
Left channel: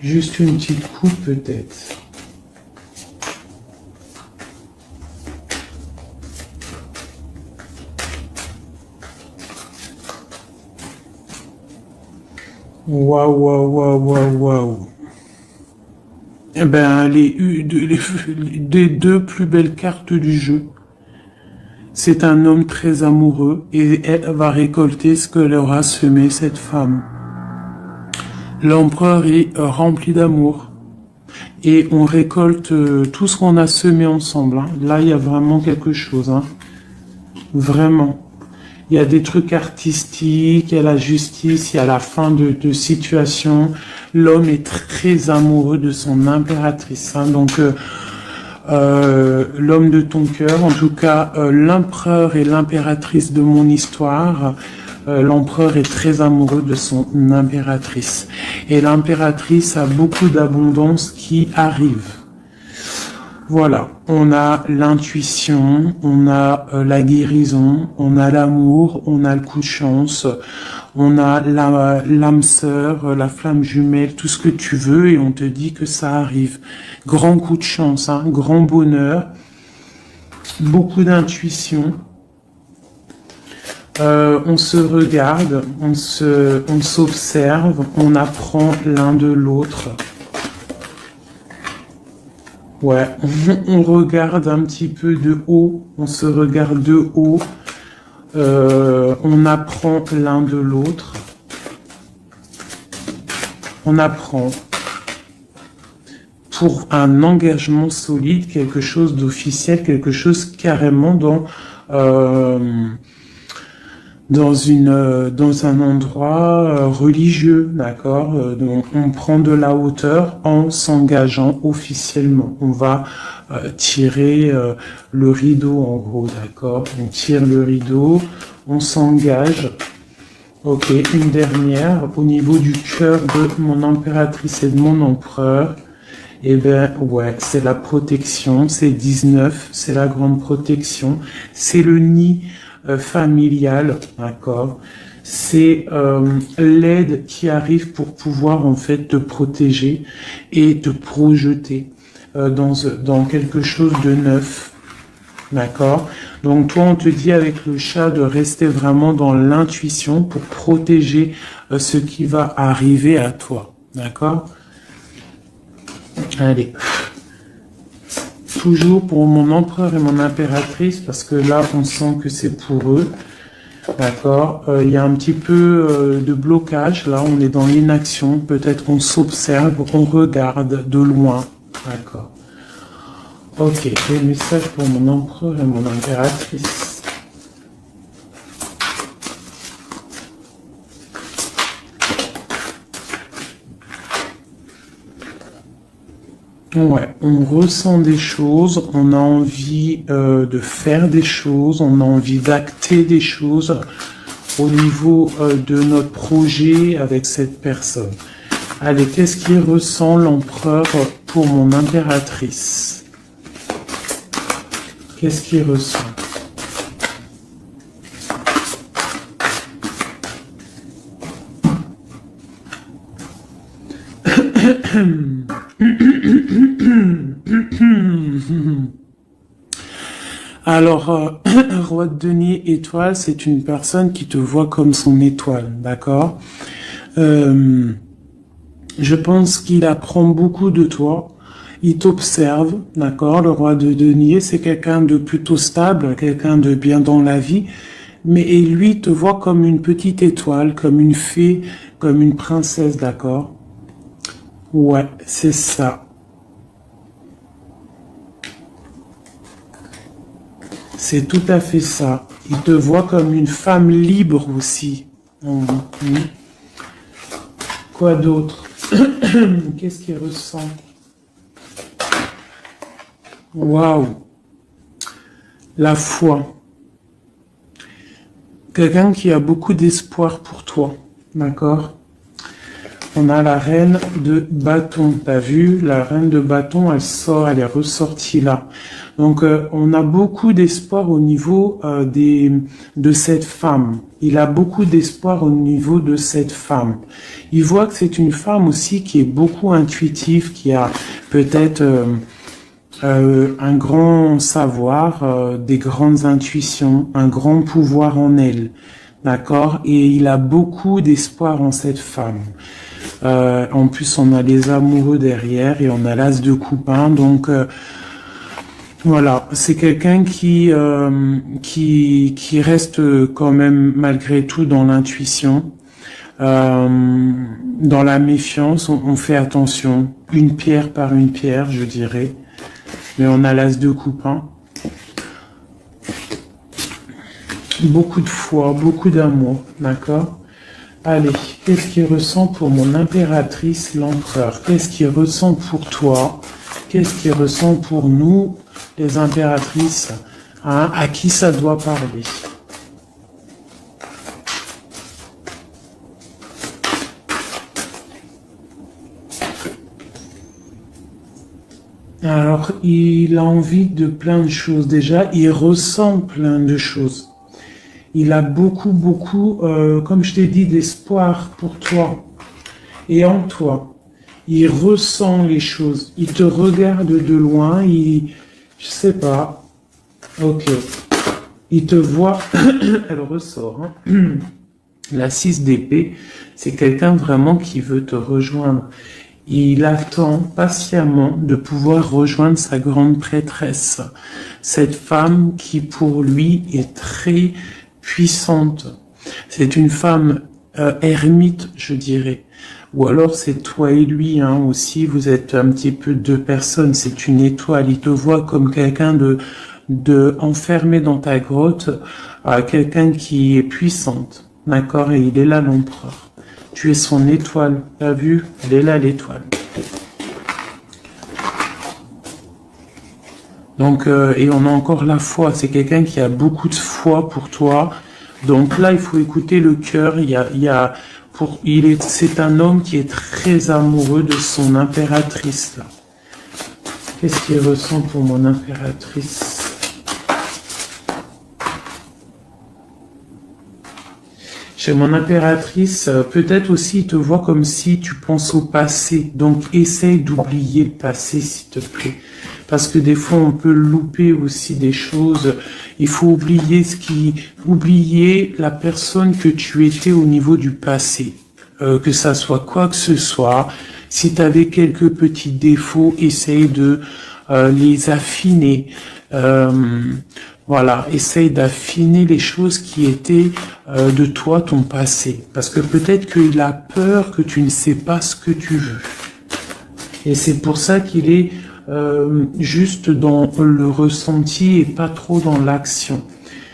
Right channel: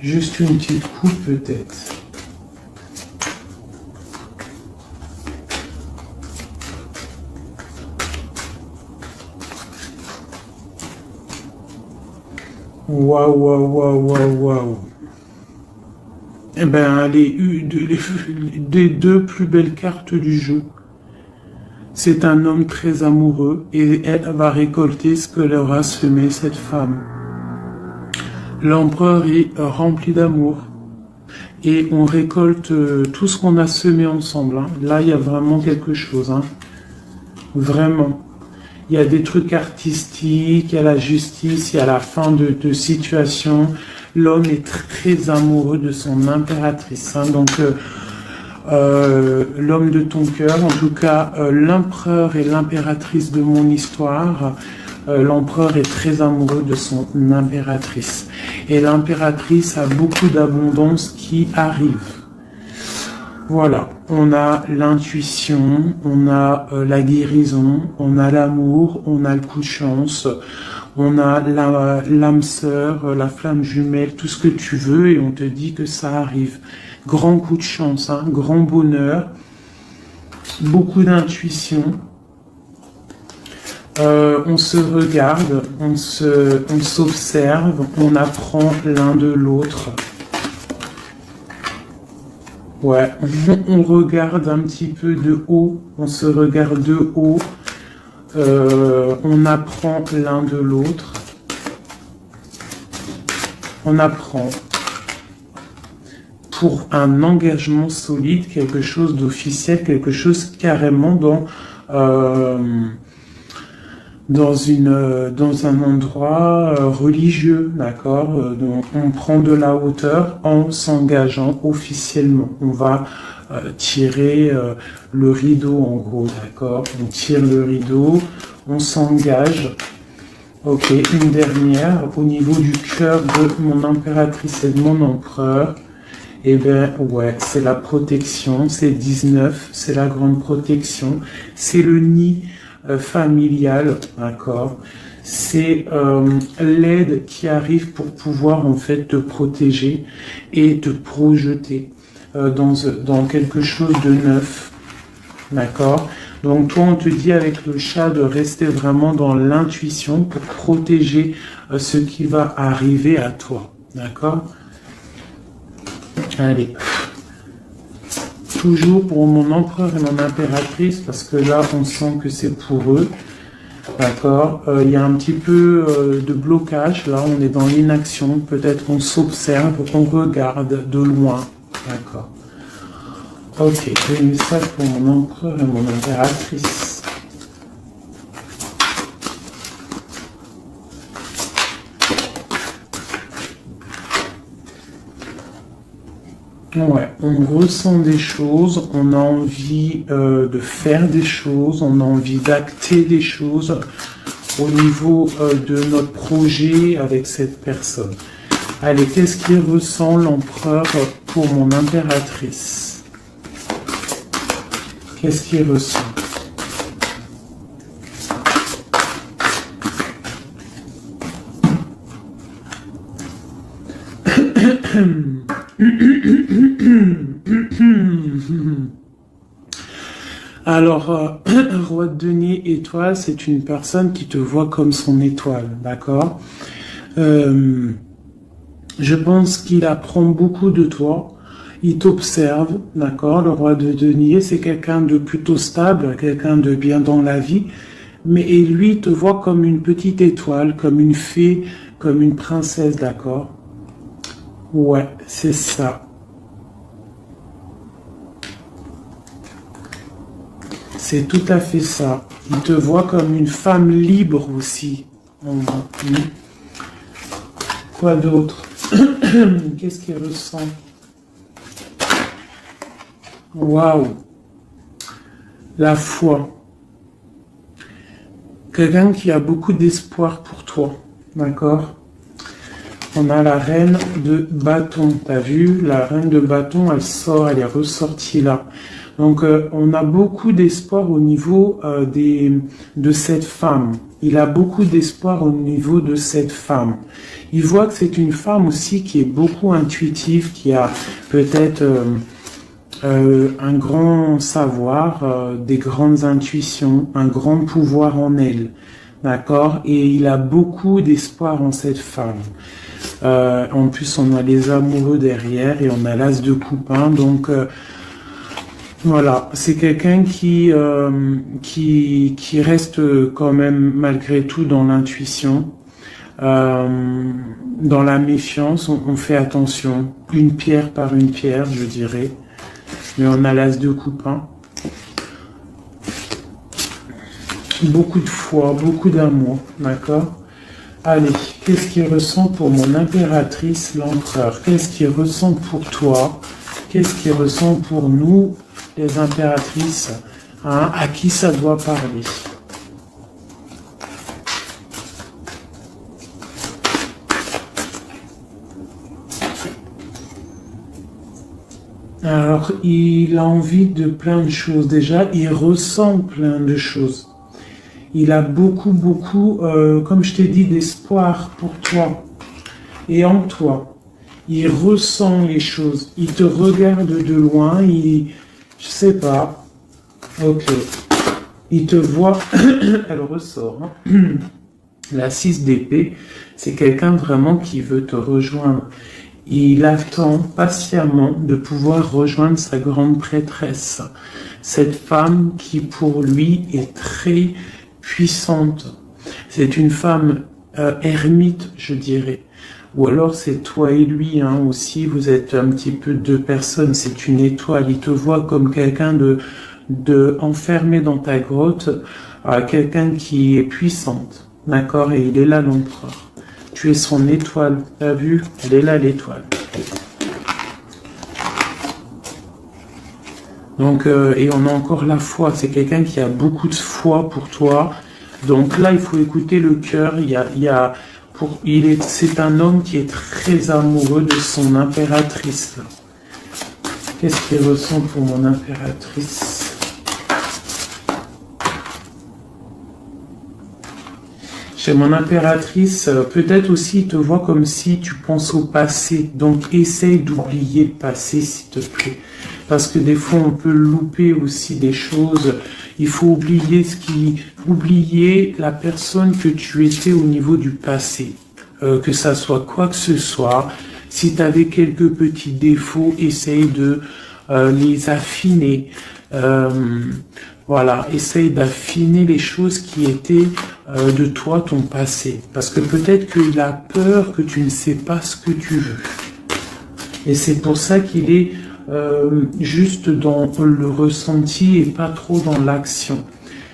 Juste une petite coupe peut-être. Waouh, waouh, waouh, waouh, waouh. Eh ben, les deux plus belles cartes du jeu. C'est un homme très amoureux et elle va récolter ce que leur a semé cette femme. L'empereur est rempli d'amour. Et on récolte tout ce qu'on a semé ensemble. Hein. Là, il y a vraiment quelque chose. Hein. Vraiment. Il y a des trucs artistiques, il y a la justice, il y a la fin de situation. L'homme est très amoureux de son impératrice. Hein. Donc, l'homme de ton cœur, en tout cas, l'empereur et l'impératrice de mon histoire. L'empereur est très amoureux de son impératrice. Et l'impératrice a beaucoup d'abondance qui arrive. Voilà, on a l'intuition, on a la guérison, on a l'amour, on a le coup de chance, on a l'âme sœur, la flamme jumelle, tout ce que tu veux et on te dit que ça arrive. Grand coup de chance, hein, grand bonheur, beaucoup d'intuition. On se regarde, on s'observe, on apprend l'un de l'autre. Ouais, on regarde un petit peu de haut, on se regarde de haut, on apprend l'un de l'autre. On apprend pour un engagement solide, quelque chose d'officiel, quelque chose carrément dans un endroit religieux, d'accord. Donc on prend de la hauteur en s'engageant officiellement. On va tirer le rideau en gros, d'accord. On tire le rideau, on s'engage. Ok, une dernière au niveau du cœur de mon impératrice et de mon empereur. Eh bien, ouais, c'est la protection, c'est 19, c'est la grande protection, c'est le nid familial, d'accord. C'est l'aide qui arrive pour pouvoir en fait te protéger et te projeter dans quelque chose de neuf, d'accord. Donc toi, on te dit avec le chat de rester vraiment dans l'intuition pour protéger ce qui va arriver à toi, d'accord. Allez. Toujours pour mon empereur et mon impératrice, parce que là, on sent que c'est pour eux. D'accord. Il y a un petit peu de blocage. Là, on est dans l'inaction. Peut-être on s'observe, on regarde de loin. D'accord. Ok. Et le message pour mon empereur et mon impératrice. Ouais, on ressent des choses, on a envie de faire des choses, on a envie d'acter des choses, au niveau de notre projet avec cette personne. Allez, qu'est-ce qu'il ressent l'empereur pour mon impératrice? Qu'est-ce qu'il ressent? Alors, roi de denier étoile, c'est une personne qui te voit comme son étoile, d'accord? Je pense qu'il apprend beaucoup de toi, il t'observe, d'accord? Le roi de denier, c'est quelqu'un de plutôt stable, quelqu'un de bien dans la vie, mais lui il te voit comme une petite étoile, comme une fée, comme une princesse, d'accord? Ouais, c'est ça. C'est tout à fait ça. Il te voit comme une femme libre aussi. Mhm. Quoi d'autre? Qu'est-ce qu'il ressent? Waouh! La foi. Quelqu'un qui a beaucoup d'espoir pour toi. D'accord? On a la reine de bâton. T'as vu? La reine de bâton, elle sort, elle est ressortie là. Donc, on a beaucoup d'espoir au niveau de cette femme. Il a beaucoup d'espoir au niveau de cette femme. Il voit que c'est une femme aussi qui est beaucoup intuitive, qui a peut-être un grand savoir, des grandes intuitions, un grand pouvoir en elle. D'accord? Et il a beaucoup d'espoir en cette femme. En plus, on a les amoureux derrière et on a l'as de coupin. Donc, voilà, c'est quelqu'un qui reste quand même malgré tout dans l'intuition, dans la méfiance. On fait attention, une pierre par une pierre, je dirais. Et on a l'as de coupin. Beaucoup de foi, beaucoup d'amour, d'accord? Allez, qu'est-ce qu'il ressent pour mon impératrice, l'empereur? Qu'est-ce qu'il ressent pour toi? Qu'est-ce qu'il ressent pour nous, les impératrices? Hein? À qui ça doit parler? Alors, il a envie de plein de choses. Déjà, il ressent plein de choses. Il a beaucoup, comme je t'ai dit, d'espoir pour toi et en toi. Il ressent les choses. Il te regarde de loin. Je sais pas. Ok. Il te voit. Elle ressort. Hein. La 6 d'épée, c'est quelqu'un vraiment qui veut te rejoindre. Il attend patiemment de pouvoir rejoindre sa grande prêtresse. Cette femme qui, pour lui, est très puissante. C'est une femme ermite, je dirais. Ou alors c'est toi et lui hein, aussi, vous êtes un petit peu deux personnes, c'est une étoile. Il te voit comme quelqu'un de enfermé dans ta grotte, quelqu'un qui est puissante, d'accord? Et il est là l'empereur. Tu es son étoile, t'as vu? Elle est là l'étoile. Donc, et on a encore la foi. C'est quelqu'un qui a beaucoup de foi pour toi. Donc là, il faut écouter le cœur. C'est un homme qui est très amoureux de son impératrice. Qu'est-ce qu'il ressent pour mon impératrice? Chez mon impératrice, peut-être aussi il te voit comme si tu penses au passé. Donc essaye d'oublier le passé, s'il te plaît. Parce que des fois, on peut louper aussi des choses. Il faut oublier la personne que tu étais au niveau du passé. Que ça soit quoi que ce soit. Si tu avais quelques petits défauts, essaye de les affiner. Voilà, essaye d'affiner les choses qui étaient de toi, ton passé. Parce que peut-être qu'il a peur que tu ne sais pas ce que tu veux. Et c'est pour ça qu'il est juste dans le ressenti et pas trop dans l'action.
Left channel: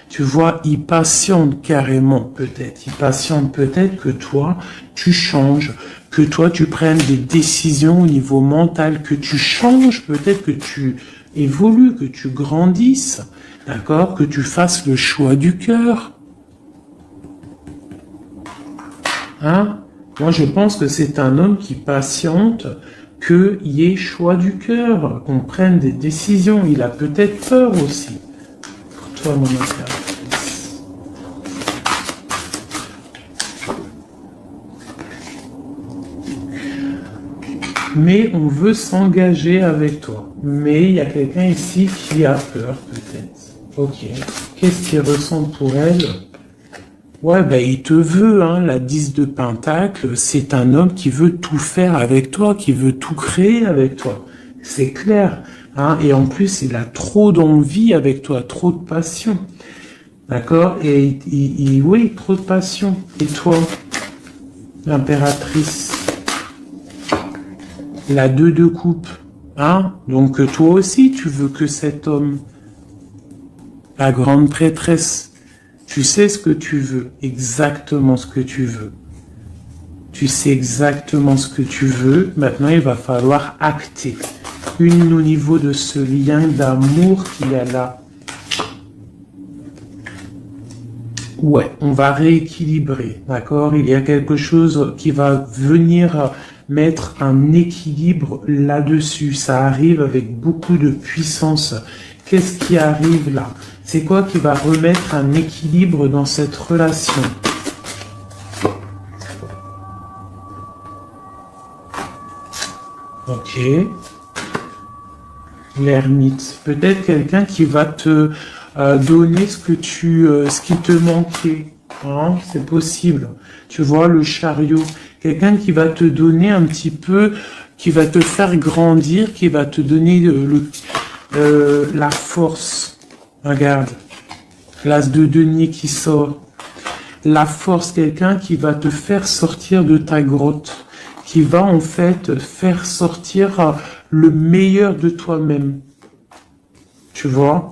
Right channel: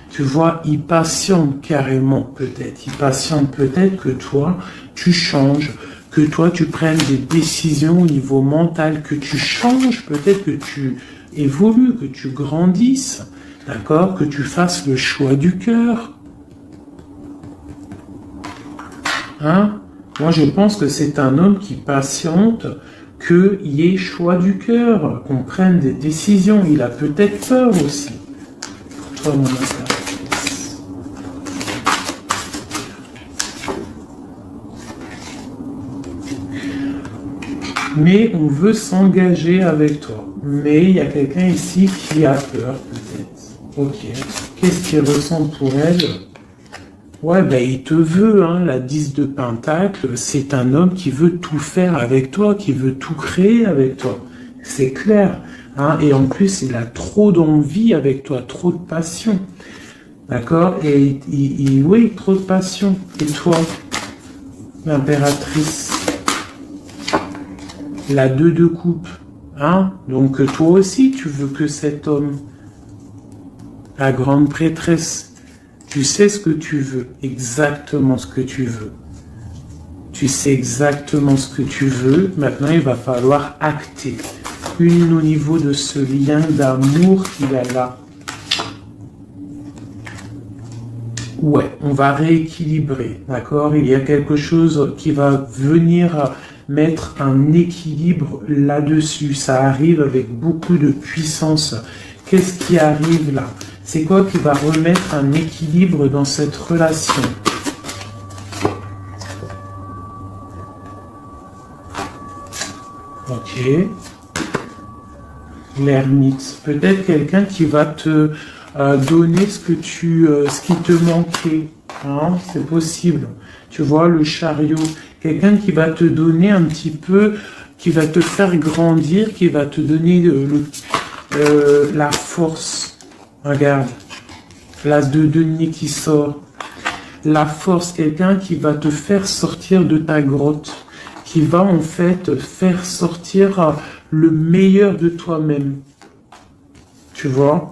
Tu vois, il patiente carrément peut-être. Il patiente peut-être que toi, tu changes, que toi, tu prennes des décisions au niveau mental, que tu changes, peut-être que tu évolues, que tu grandisses, d'accord, que tu fasses le choix du cœur. Hein? Moi, je pense que c'est un homme qui patiente, qu'il y ait choix du cœur, qu'on prenne des décisions. Il a peut-être peur aussi. Dans mon impératrice. Mais on veut s'engager avec toi. Mais il y a quelqu'un ici qui a peur, peut-être. Ok. Qu'est-ce qu'il ressent pour elle? Ouais, ben il te veut, hein. La 10 de Pentacle, c'est un homme qui veut tout faire avec toi, qui veut tout créer avec toi. C'est clair. Hein. Et en plus, il a trop d'envie avec toi, trop de passion. D'accord? Et oui, trop de passion. Et toi, l'impératrice, la 2 de coupe. Hein? Donc toi aussi, tu veux que cet homme, la grande prêtresse, tu sais ce que tu veux, exactement ce que tu veux. Tu sais exactement ce que tu veux. Maintenant, il va falloir acter. Une au niveau de ce lien d'amour qu'il y a là. Ouais, on va rééquilibrer, d'accord? Il y a quelque chose qui va venir mettre un équilibre là-dessus. Ça arrive avec beaucoup de puissance. Qu'est-ce qui arrive là? C'est quoi qui va remettre un équilibre dans cette relation? Ok. L'ermite. Peut-être quelqu'un qui va te donner ce qui te manquait. Hein, c'est possible. Tu vois, le chariot. Quelqu'un qui va te donner un petit peu, qui va te faire grandir, qui va te donner la force. Regarde, l'as de denier qui sort. La force, quelqu'un qui va te faire sortir de ta grotte, qui va en fait faire sortir le meilleur de toi-même. Tu vois?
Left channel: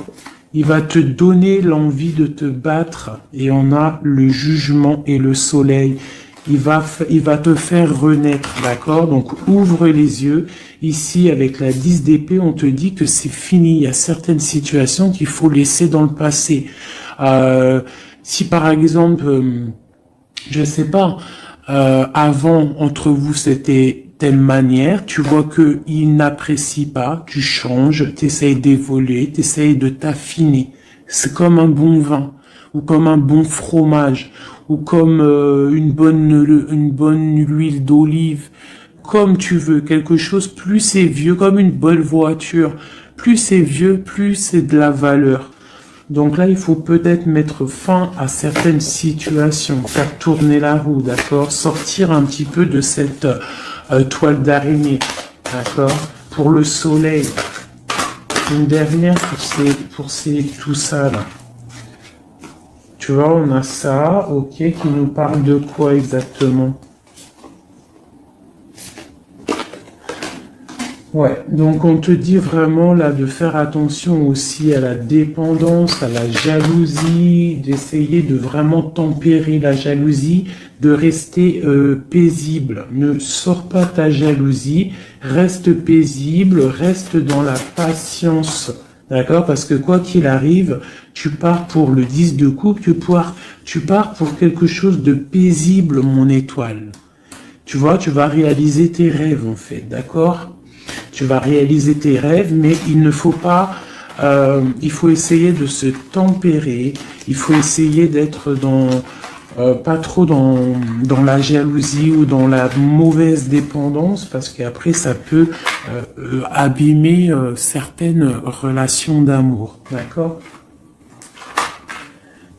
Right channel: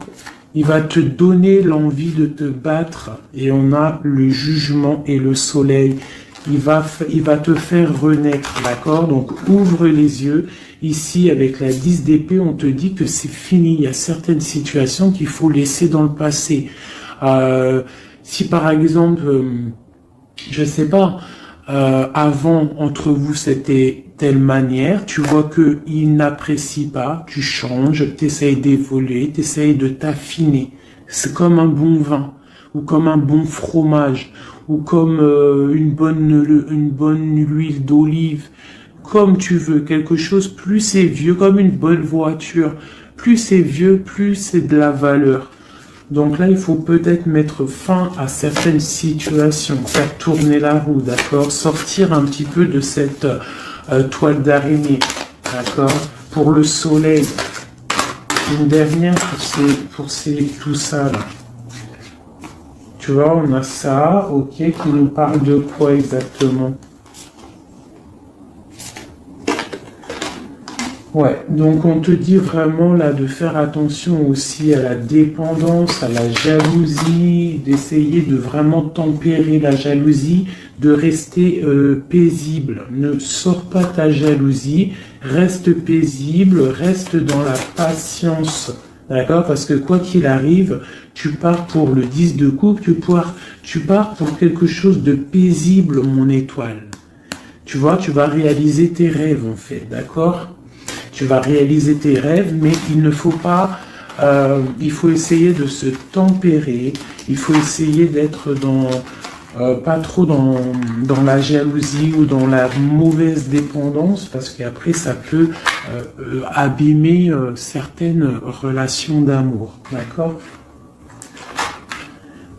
Il va te donner l'envie de te battre et on a le jugement et le soleil. Il va te faire renaître, d'accord? Donc ouvre les yeux. Ici, avec la 10 d'épée, on te dit que c'est fini. Il y a certaines situations qu'il faut laisser dans le passé. Si par exemple, je sais pas, avant, entre vous, c'était telle manière, tu vois que il n'apprécie pas, tu changes, tu essayes d'évoluer, tu essayes de t'affiner. C'est comme un bon vin, ou comme un bon fromage, ou comme une bonne huile d'olive, comme tu veux, quelque chose, plus c'est vieux, comme une bonne voiture, plus c'est vieux, plus c'est de la valeur. Donc là, il faut peut-être mettre fin à certaines situations, faire tourner la roue, d'accord? Sortir un petit peu de cette toile d'araignée, d'accord? Pour le soleil, une dernière pour tout ça là. Tu vois, on a ça, ok, qui nous parle de quoi exactement? Ouais, donc on te dit vraiment là de faire attention aussi à la dépendance, à la jalousie, d'essayer de vraiment tempérer la jalousie, de rester paisible. Ne sors pas ta jalousie, reste paisible, reste dans la patience. D'accord? Parce que quoi qu'il arrive, tu pars pour le 10 de coupe, tu pars pour quelque chose de paisible, mon étoile. Tu vois, tu vas réaliser tes rêves en fait, d'accord? Tu vas réaliser tes rêves, mais il ne faut pas, il faut essayer de se tempérer, il faut essayer d'être pas trop dans la jalousie ou dans la mauvaise dépendance, parce qu'après ça peut abîmer certaines relations d'amour, d'accord?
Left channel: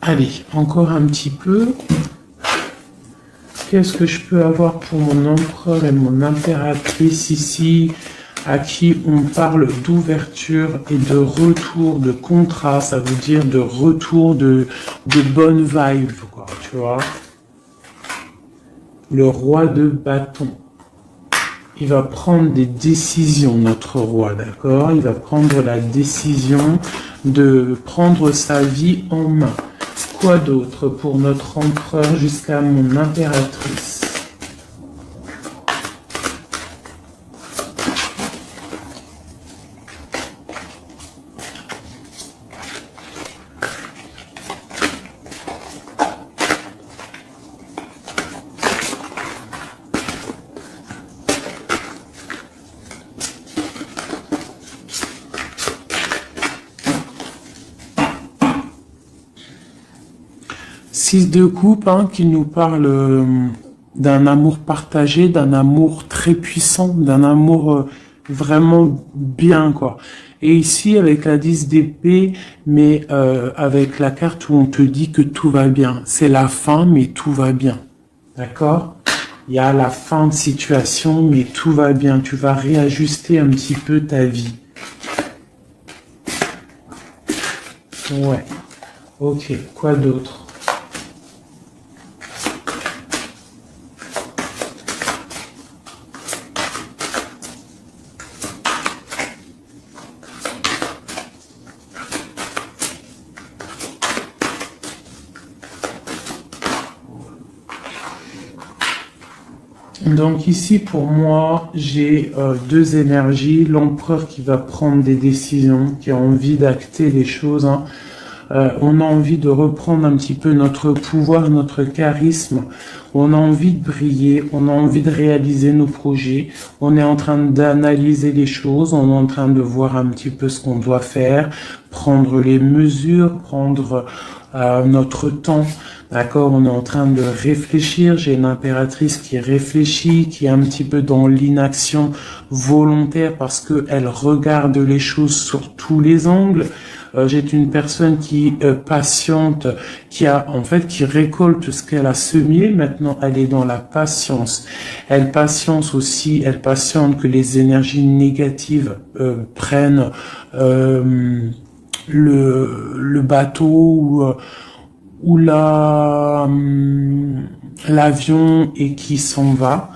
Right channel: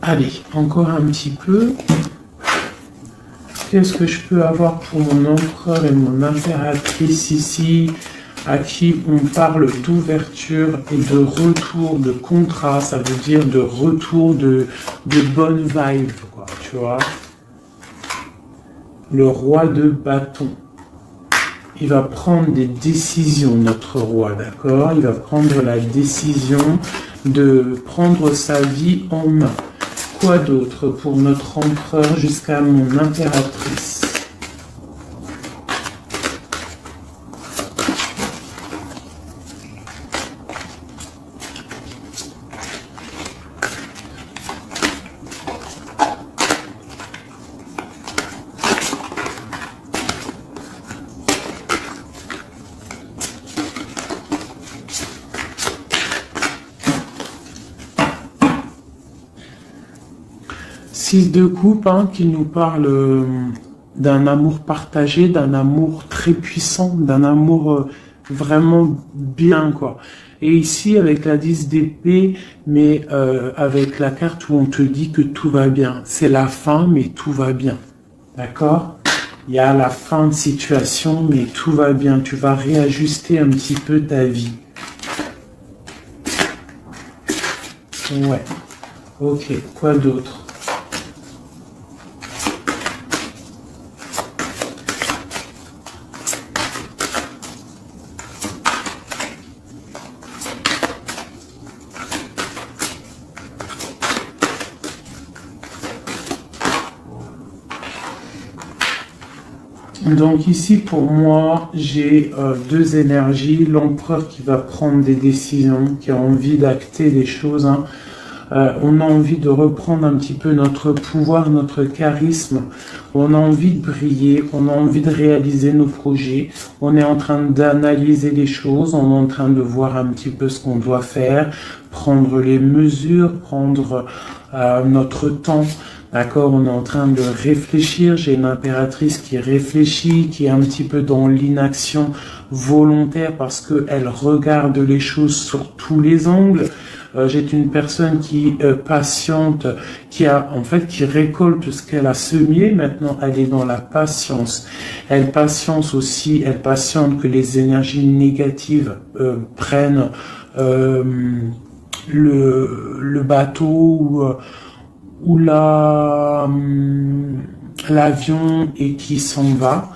Allez, encore un petit peu. Qu'est-ce que je peux avoir pour mon empereur et mon impératrice ici, à qui on parle d'ouverture et de retour, de contrat, ça veut dire de retour de bonne vibe, quoi, tu vois. Le roi de bâton. Il va prendre des décisions, notre roi, d'accord? Il va prendre la décision de prendre sa vie en main. Quoi d'autre pour notre empereur jusqu'à mon impératrice? 6 de coupe, hein, qui nous parle d'un amour partagé, d'un amour très puissant, d'un amour vraiment bien, quoi. Et ici, avec la 10 d'épée, mais avec la carte où on te dit que tout va bien. C'est la fin, mais tout va bien. D'accord? Il y a la fin de situation, mais tout va bien. Tu vas réajuster un petit peu ta vie. Ouais. Ok. Quoi d'autre? Donc ici, pour moi, j'ai deux énergies. L'empereur qui va prendre des décisions, qui a envie d'acter des choses, hein. On a envie de reprendre un petit peu notre pouvoir, notre charisme. On a envie de briller, on a envie de réaliser nos projets. On est en train d'analyser les choses, on est en train de voir un petit peu ce qu'on doit faire, prendre les mesures, prendre notre temps. D'accord, on est en train de réfléchir. J'ai une impératrice qui réfléchit, qui est un petit peu dans l'inaction volontaire parce qu'elle regarde les choses sur tous les angles. J'ai une personne qui patiente, qui récolte ce qu'elle a semé. Maintenant, elle est dans la patience. Elle patiente aussi, elle patiente que les énergies négatives prennent le bateau ou l'avion et qui s'en va.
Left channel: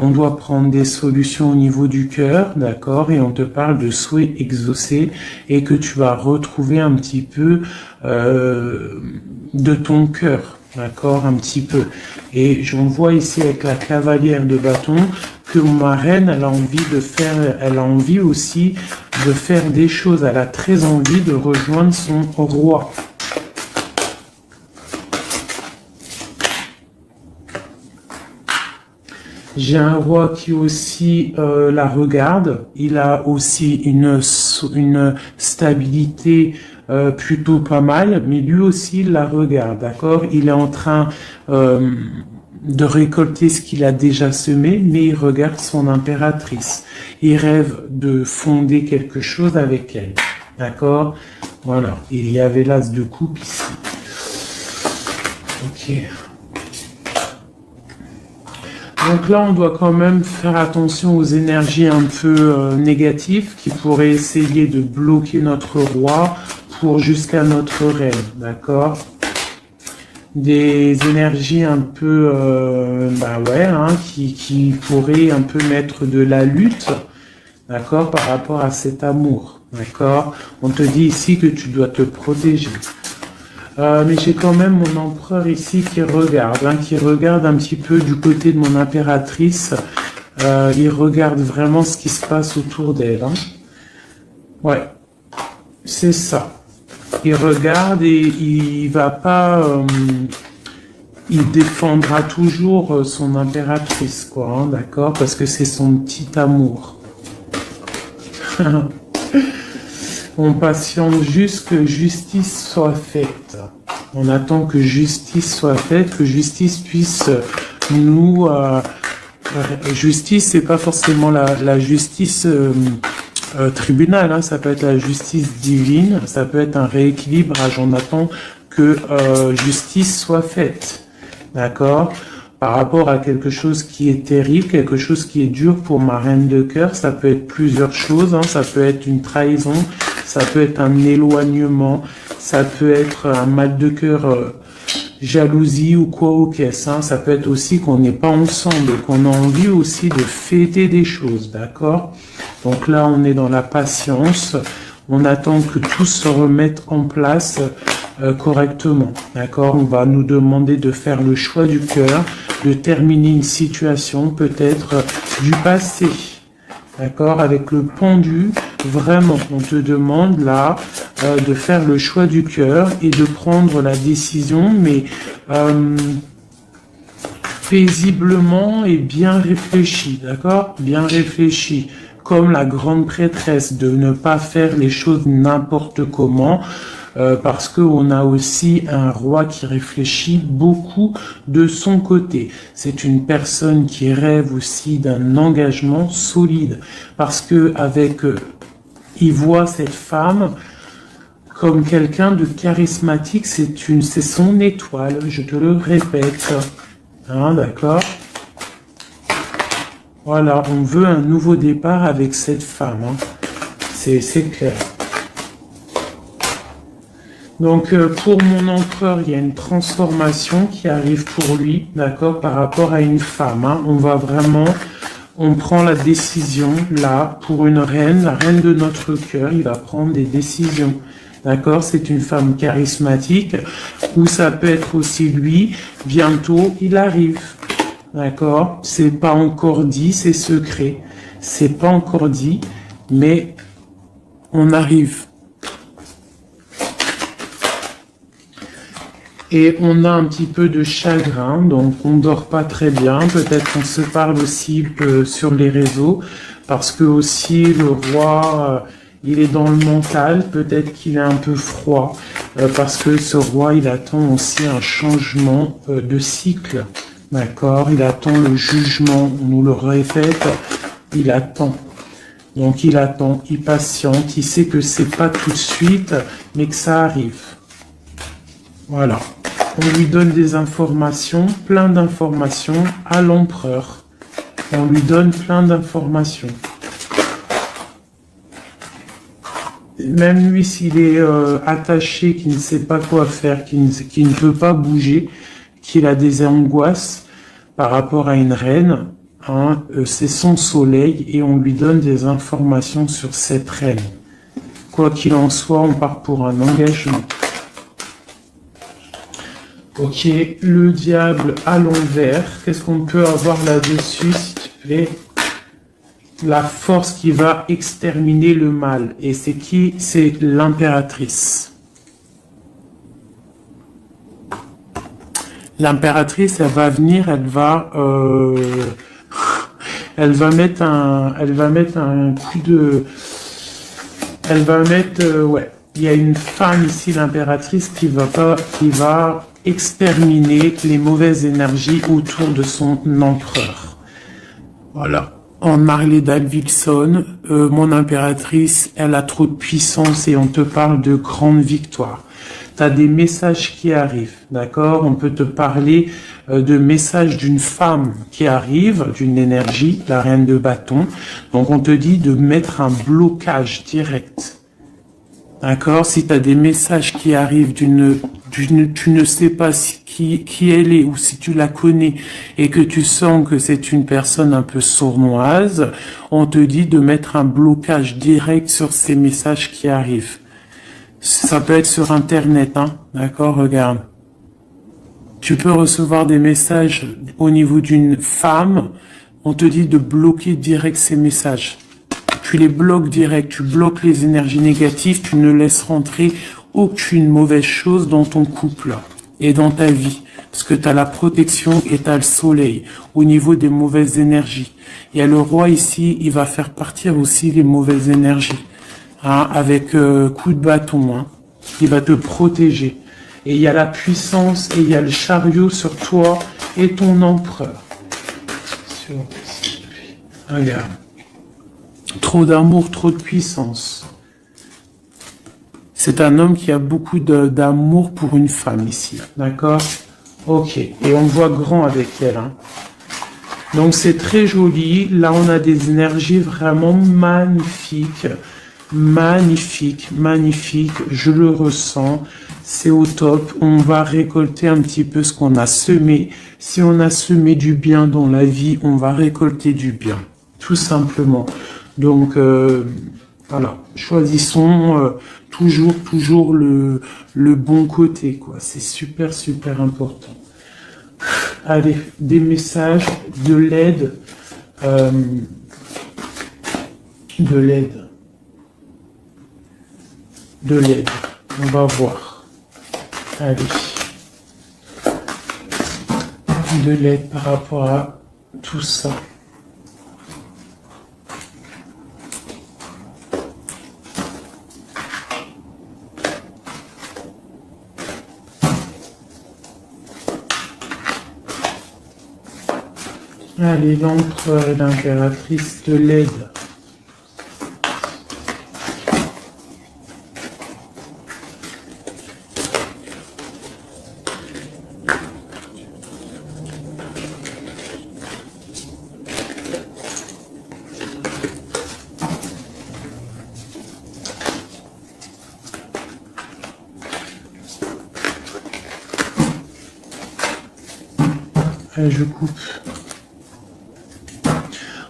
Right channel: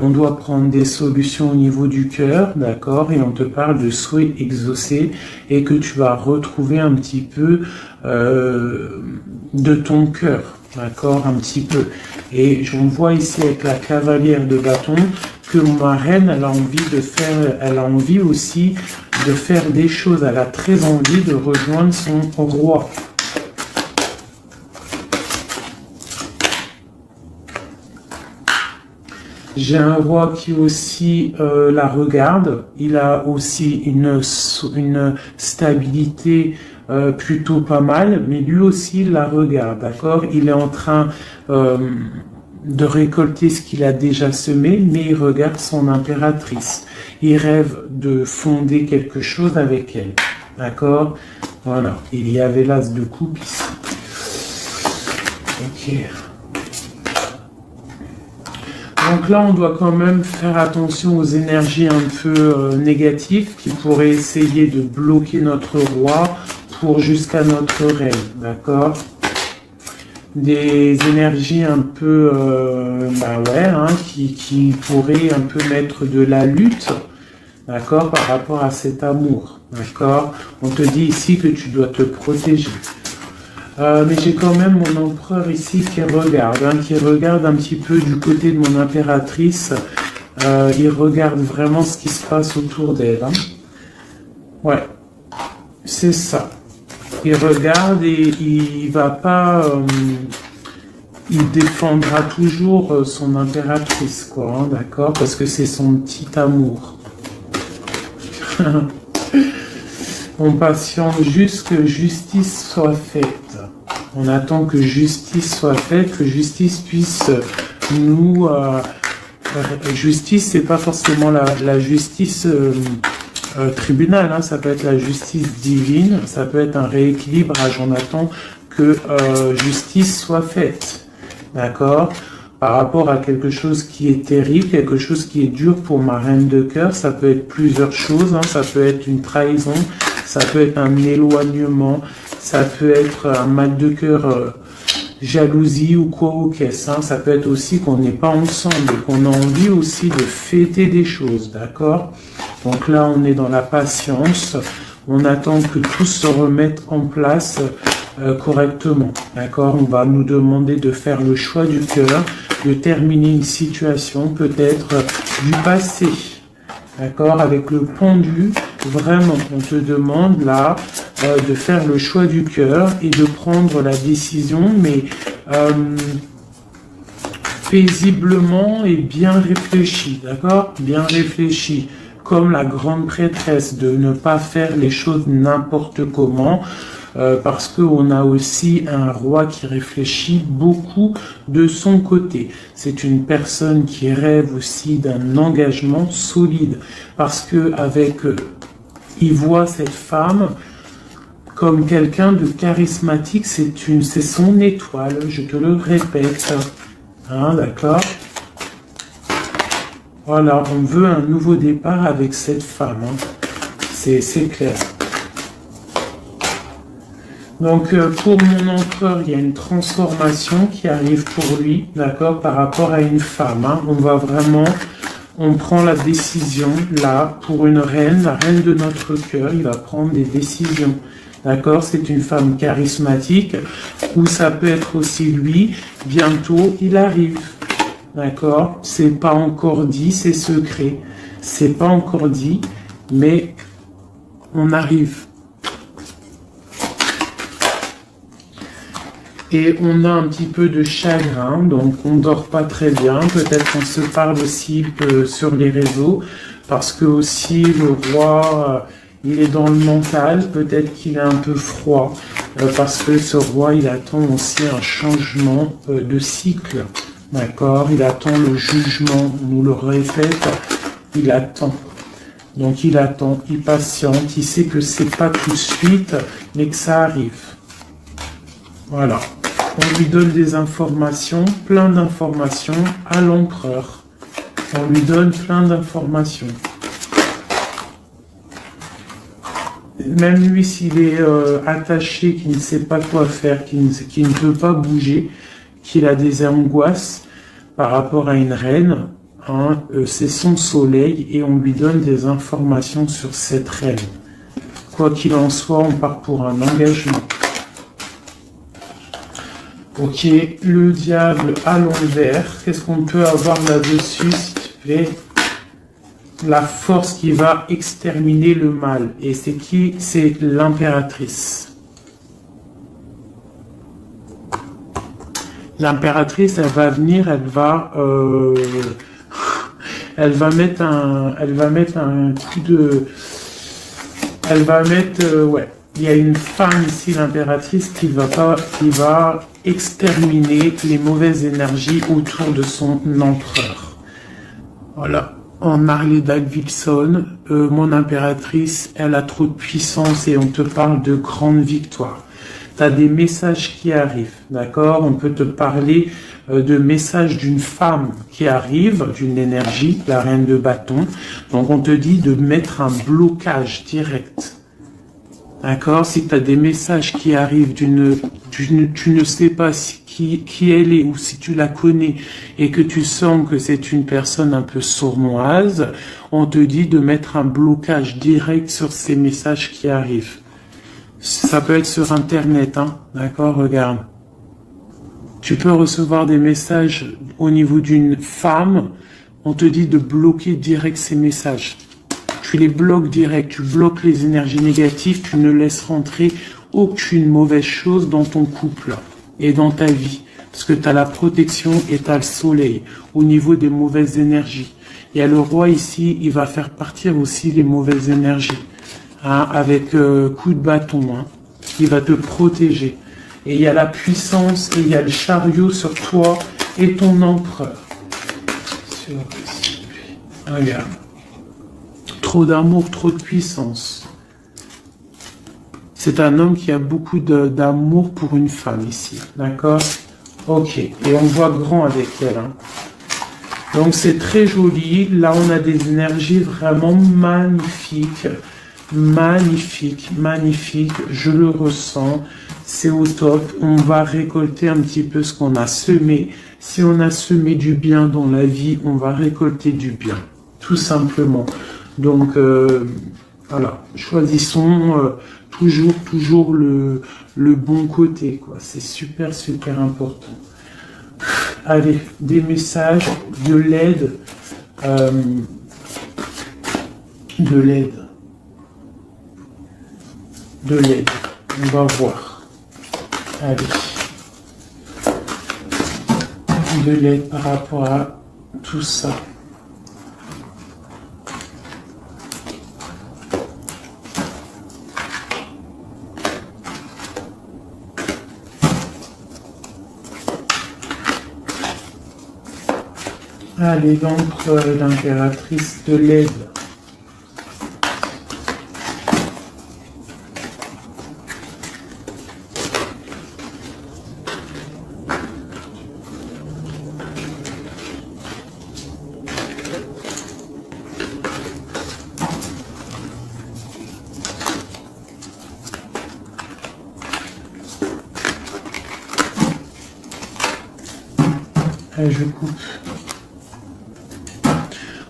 On doit prendre des solutions au niveau du cœur, d'accord, et on te parle de souhaits exaucés et que tu vas retrouver un petit peu de ton cœur, d'accord, un petit peu. Et j'en vois ici avec la cavalière de bâton que ma reine, elle a envie aussi de faire des choses. Elle a très envie de rejoindre son roi. J'ai un roi qui aussi la regarde. Il a aussi une stabilité plutôt pas mal, mais lui aussi il la regarde, d'accord? Il est en train de récolter ce qu'il a déjà semé, mais il regarde son impératrice. Il rêve de fonder quelque chose avec elle, d'accord? Voilà. Il y avait l'as de coupe ici. Ok. Donc là, on doit quand même faire attention aux énergies un peu négatives qui pourraient essayer de bloquer notre roi pour jusqu'à notre reine, d'accord? Des énergies un peu, qui pourraient un peu mettre de la lutte, d'accord, par rapport à cet amour, d'accord? On te dit ici que tu dois te protéger. Mais j'ai quand même mon empereur ici qui regarde un petit peu du côté de mon impératrice. Il regarde vraiment ce qui se passe autour d'elle. Hein. Ouais, c'est ça. Il regarde et il va pas... il défendra toujours son impératrice, quoi, hein, d'accord? Parce que c'est son petit amour. On patiente juste que justice soit faite. On attend que justice soit faite, que justice puisse nous... justice, c'est pas forcément la justice tribunal, hein, ça peut être la justice divine, ça peut être un rééquilibrage. On attend que justice soit faite. D'accord? Par rapport à quelque chose qui est terrible, quelque chose qui est dur pour ma reine de cœur, ça peut être plusieurs choses, hein. Ça peut être une trahison, ça peut être un éloignement, ça peut être un mal de cœur, jalousie ou quoi au caisse, hein. Ça peut être aussi qu'on n'est pas ensemble et qu'on a envie aussi de fêter des choses, d'accord? Donc là, on est dans la patience, on attend que tout se remette en place correctement, d'accord? On va nous demander de faire le choix du cœur, de terminer une situation peut-être du passé, d'accord? Avec le pendu, vraiment, on te demande là de faire le choix du cœur et de prendre la décision, mais paisiblement et bien réfléchi, d'accord? Bien réfléchi. Comme la grande prêtresse, de ne pas faire les choses n'importe comment, parce qu'on a aussi un roi qui réfléchit beaucoup de son côté. C'est une personne qui rêve aussi d'un engagement solide, parce que avec il voit cette femme comme quelqu'un de charismatique, c'est son étoile, je te le répète. Hein, d'accord? Voilà, on veut un nouveau départ avec cette femme. Hein. C'est clair. Donc, pour mon empereur, il y a une transformation qui arrive pour lui, d'accord, par rapport à une femme. Hein. On prend la décision, là, pour une reine, la reine de notre cœur, il va prendre des décisions. D'accord? C'est une femme charismatique, ou ça peut être aussi lui, bientôt, il arrive. D'accord? C'est pas encore dit, c'est secret. C'est pas encore dit, mais on arrive. Et on a un petit peu de chagrin, donc on dort pas très bien. Peut-être qu'on se parle aussi sur les réseaux, parce que aussi le roi, il est dans le mental. Peut-être qu'il est un peu froid, parce que ce roi, il attend aussi un changement de cycle. D'accord? Il attend le jugement. On nous le répète, il attend. Donc il attend, il patiente, il sait que c'est pas tout de suite, mais que ça arrive. Voilà. On lui donne des informations, plein d'informations à l'empereur. On lui donne plein d'informations. Même lui, s'il est attaché, qu'il ne sait pas quoi faire, qu'il ne peut pas bouger, qu'il a des angoisses par rapport à une reine, hein, c'est son soleil et on lui donne des informations sur cette reine. Quoi qu'il en soit, on part pour un engagement. Ok, le diable à l'envers. Qu'est-ce qu'on peut avoir là-dessus, s'il te plaît? La force qui va exterminer le mal. Et c'est qui? C'est l'impératrice. L'impératrice, elle va venir, elle va mettre un coup de... Elle va mettre... ouais. Il y a une femme ici, l'impératrice, qui va exterminer les mauvaises énergies autour de son empereur. Voilà. En Harley Davidson, mon impératrice, elle a trop de puissance et on te parle de grande victoire. Tu as des messages qui arrivent, d'accord? On peut te parler de messages d'une femme qui arrive, d'une énergie, la reine de bâton. Donc on te dit de mettre un blocage direct. D'accord? Si tu as des messages qui arrivent tu ne sais pas qui elle est ou si tu la connais et que tu sens que c'est une personne un peu sournoise, on te dit de mettre un blocage direct sur ces messages qui arrivent. Ça peut être sur Internet, hein? D'accord? Regarde. Tu peux recevoir des messages au niveau d'une femme, on te dit de bloquer direct ces messages. Tu les bloques direct, tu bloques les énergies négatives, tu ne laisses rentrer aucune mauvaise chose dans ton couple et dans ta vie. Parce que tu as la protection et tu as le soleil au niveau des mauvaises énergies. Il y a le roi ici, il va faire partir aussi les mauvaises énergies. Hein, avec coup de bâton. Hein. Il va te protéger. Et il y a la puissance et il y a le chariot sur toi et ton empereur. Regarde. Trop d'amour, trop de puissance. C'est un homme qui a beaucoup d'amour pour une femme ici. D'accord? Ok. Et on voit grand avec elle. Hein. Donc c'est très joli. Là, on a des énergies vraiment magnifiques. Magnifique, magnifique. Je le ressens. C'est au top. On va récolter un petit peu ce qu'on a semé. Si on a semé du bien dans la vie, on va récolter du bien. Tout simplement. Donc, voilà, choisissons toujours le bon côté, quoi. C'est super, super important. Allez, des messages, de l'aide, de l'aide. On va voir. Allez. De l'aide par rapport à tout ça. Allez, l'empereur et l'impératrice de l'aide. Allez, je coupe.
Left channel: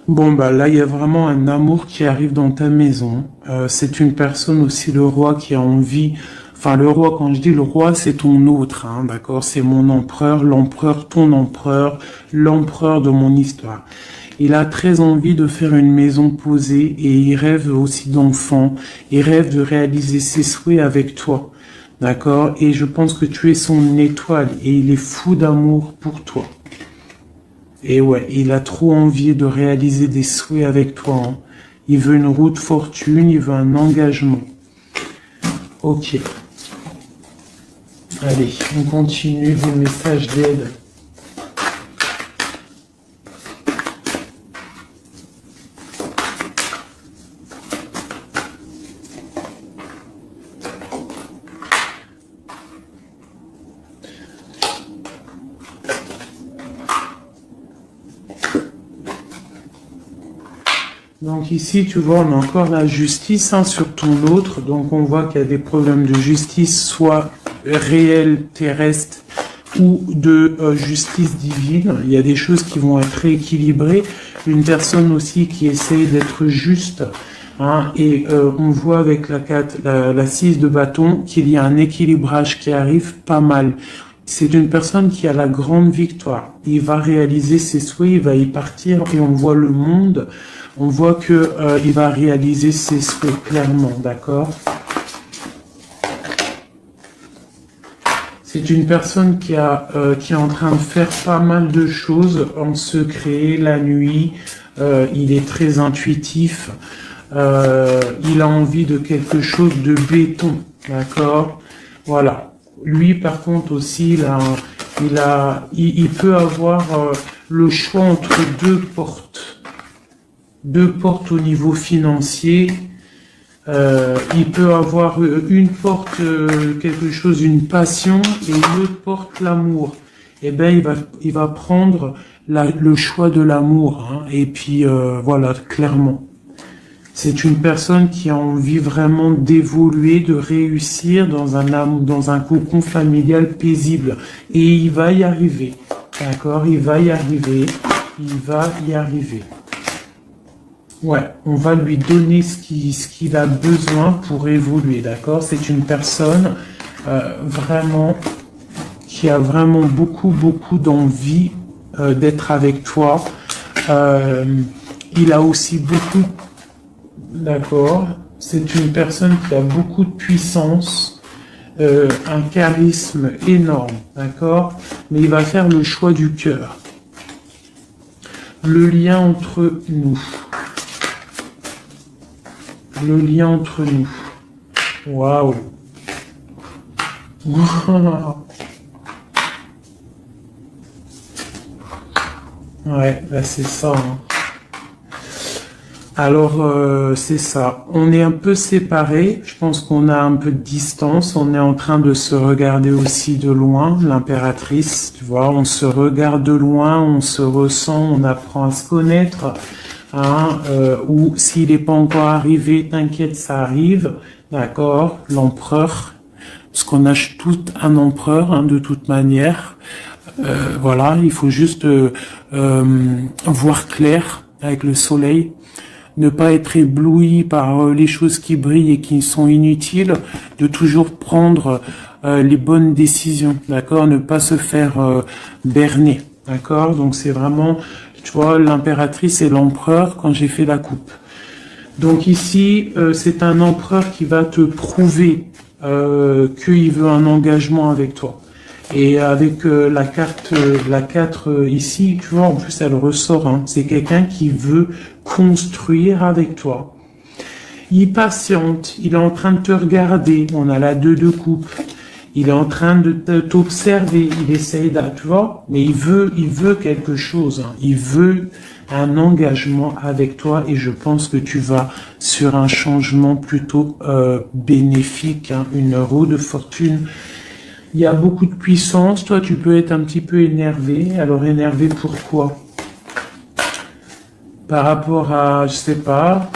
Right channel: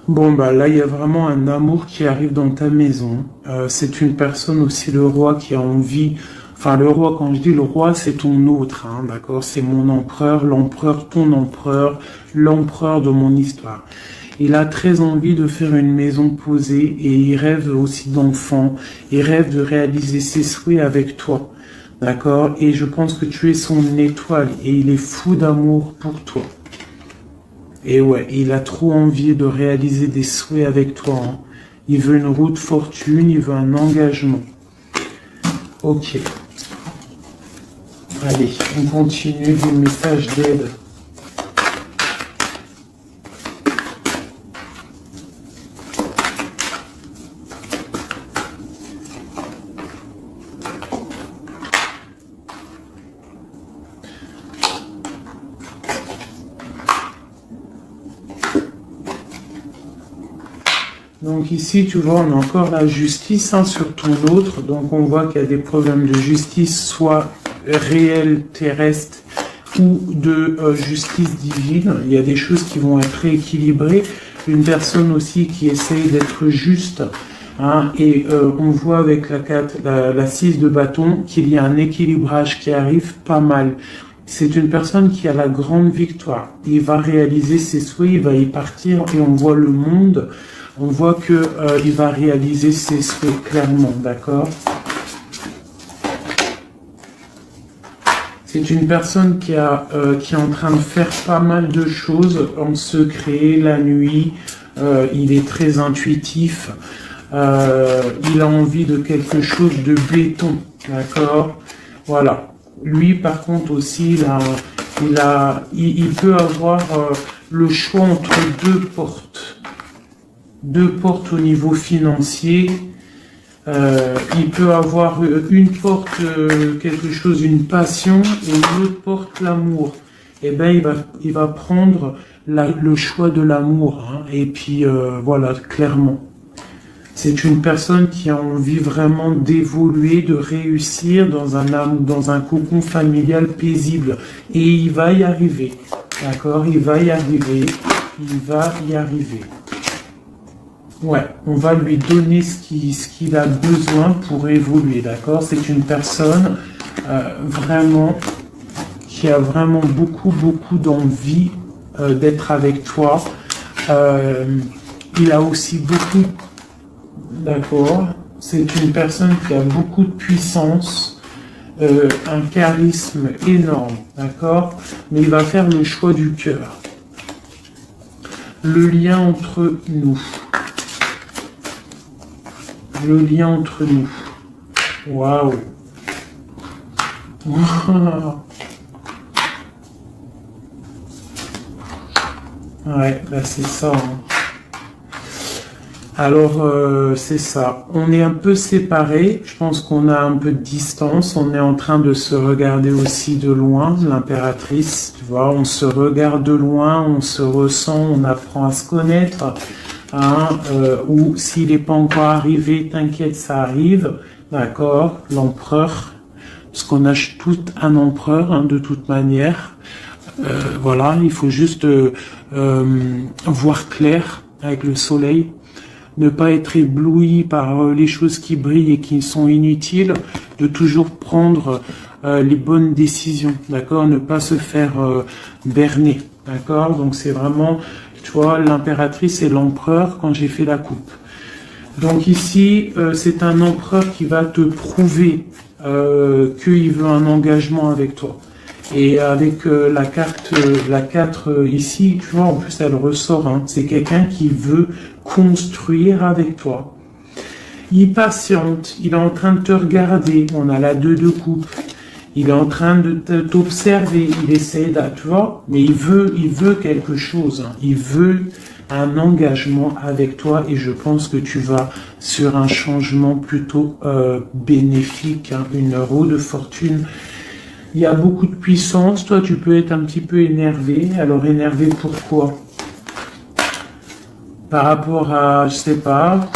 Bon, bah là, il y a vraiment un amour qui arrive dans ta maison. C'est une personne aussi, le roi, qui a envie... Enfin, le roi, quand je dis le roi, c'est ton autre, hein, d'accord? C'est mon empereur, l'empereur, ton empereur, l'empereur de mon histoire. Il a très envie de faire une maison posée et il rêve aussi d'enfants. Il rêve de réaliser ses souhaits avec toi, d'accord? Et je pense que tu es son étoile et il est fou d'amour pour toi. Et ouais, il a trop envie de réaliser des souhaits avec toi, hein. Il veut une roue de fortune, il veut un engagement. Ok. Allez, on continue les messages d'aide. Donc ici, tu vois, on a encore la justice, hein, sur ton autre. Donc on voit qu'il y a des problèmes de justice, soit réels, terrestres, ou de justice divine. Il y a des choses qui vont être rééquilibrées. Une personne aussi qui essaye d'être juste. Hein, et on voit avec la 6 de bâton qu'il y a un équilibrage qui arrive pas mal. C'est une personne qui a la grande victoire. Il va réaliser ses souhaits, il va y partir et on voit le monde. On voit que il va réaliser ses souhaits clairement, d'accord? C'est une personne qui est en train de faire pas mal de choses en secret, la nuit. Il est très intuitif. Il a envie de quelque chose de béton, d'accord? Voilà. Lui, par contre, aussi, il peut avoir le choix entre deux portes. Deux portes au niveau financier. Il peut avoir une porte, quelque chose, une passion, et une autre porte, l'amour. Eh ben, il va prendre le choix de l'amour, hein. Et puis, voilà, clairement. C'est une personne qui a envie vraiment d'évoluer, de réussir dans un cocon familial paisible. Et il va y arriver. D'accord? Il va y arriver. Il va y arriver. Ouais, on va lui donner ce qu'il a besoin pour évoluer. D'accord? C'est une personne vraiment qui a vraiment beaucoup d'envie d'être avec toi. Il a aussi beaucoup... D'accord. C'est une personne qui a beaucoup de puissance, un charisme énorme, d'accord? Mais il va faire le choix du cœur. Le lien entre nous. Le lien entre nous. Waouh. Ouais, là c'est ça, hein. Alors, c'est ça. On est un peu séparés. Je pense qu'on a un peu de distance. On est en train de se regarder aussi de loin, l'impératrice. Tu vois, on se regarde de loin, on se ressent, on apprend à se connaître. Hein, ou s'il n'est pas encore arrivé, t'inquiète, ça arrive. D'accord, l'empereur. Parce qu'on a tout un empereur, hein, de toute manière. Voilà, il faut juste voir clair avec le soleil. Ne pas être ébloui par les choses qui brillent et qui sont inutiles, de toujours prendre les bonnes décisions, d'accord? Ne pas se faire berner, d'accord? Donc c'est vraiment, tu vois, l'impératrice et l'empereur quand j'ai fait la coupe. Donc ici, c'est un empereur qui va te prouver qu'il veut un engagement avec toi. Et avec la carte, la 4 ici, tu vois, en plus elle ressort, hein. C'est quelqu'un qui veut construire avec toi. Il patiente, il est en train de te regarder, on a la 2 de coupe. il est en train de t'observer, il essaye de, tu vois, mais il veut quelque chose, hein. Il veut un engagement avec toi et je pense que tu vas sur un changement plutôt bénéfique, hein, une roue de fortune. Il y a beaucoup de puissance, toi tu peux être un petit peu énervé. Alors énervé pourquoi? Par rapport à, je sais pas,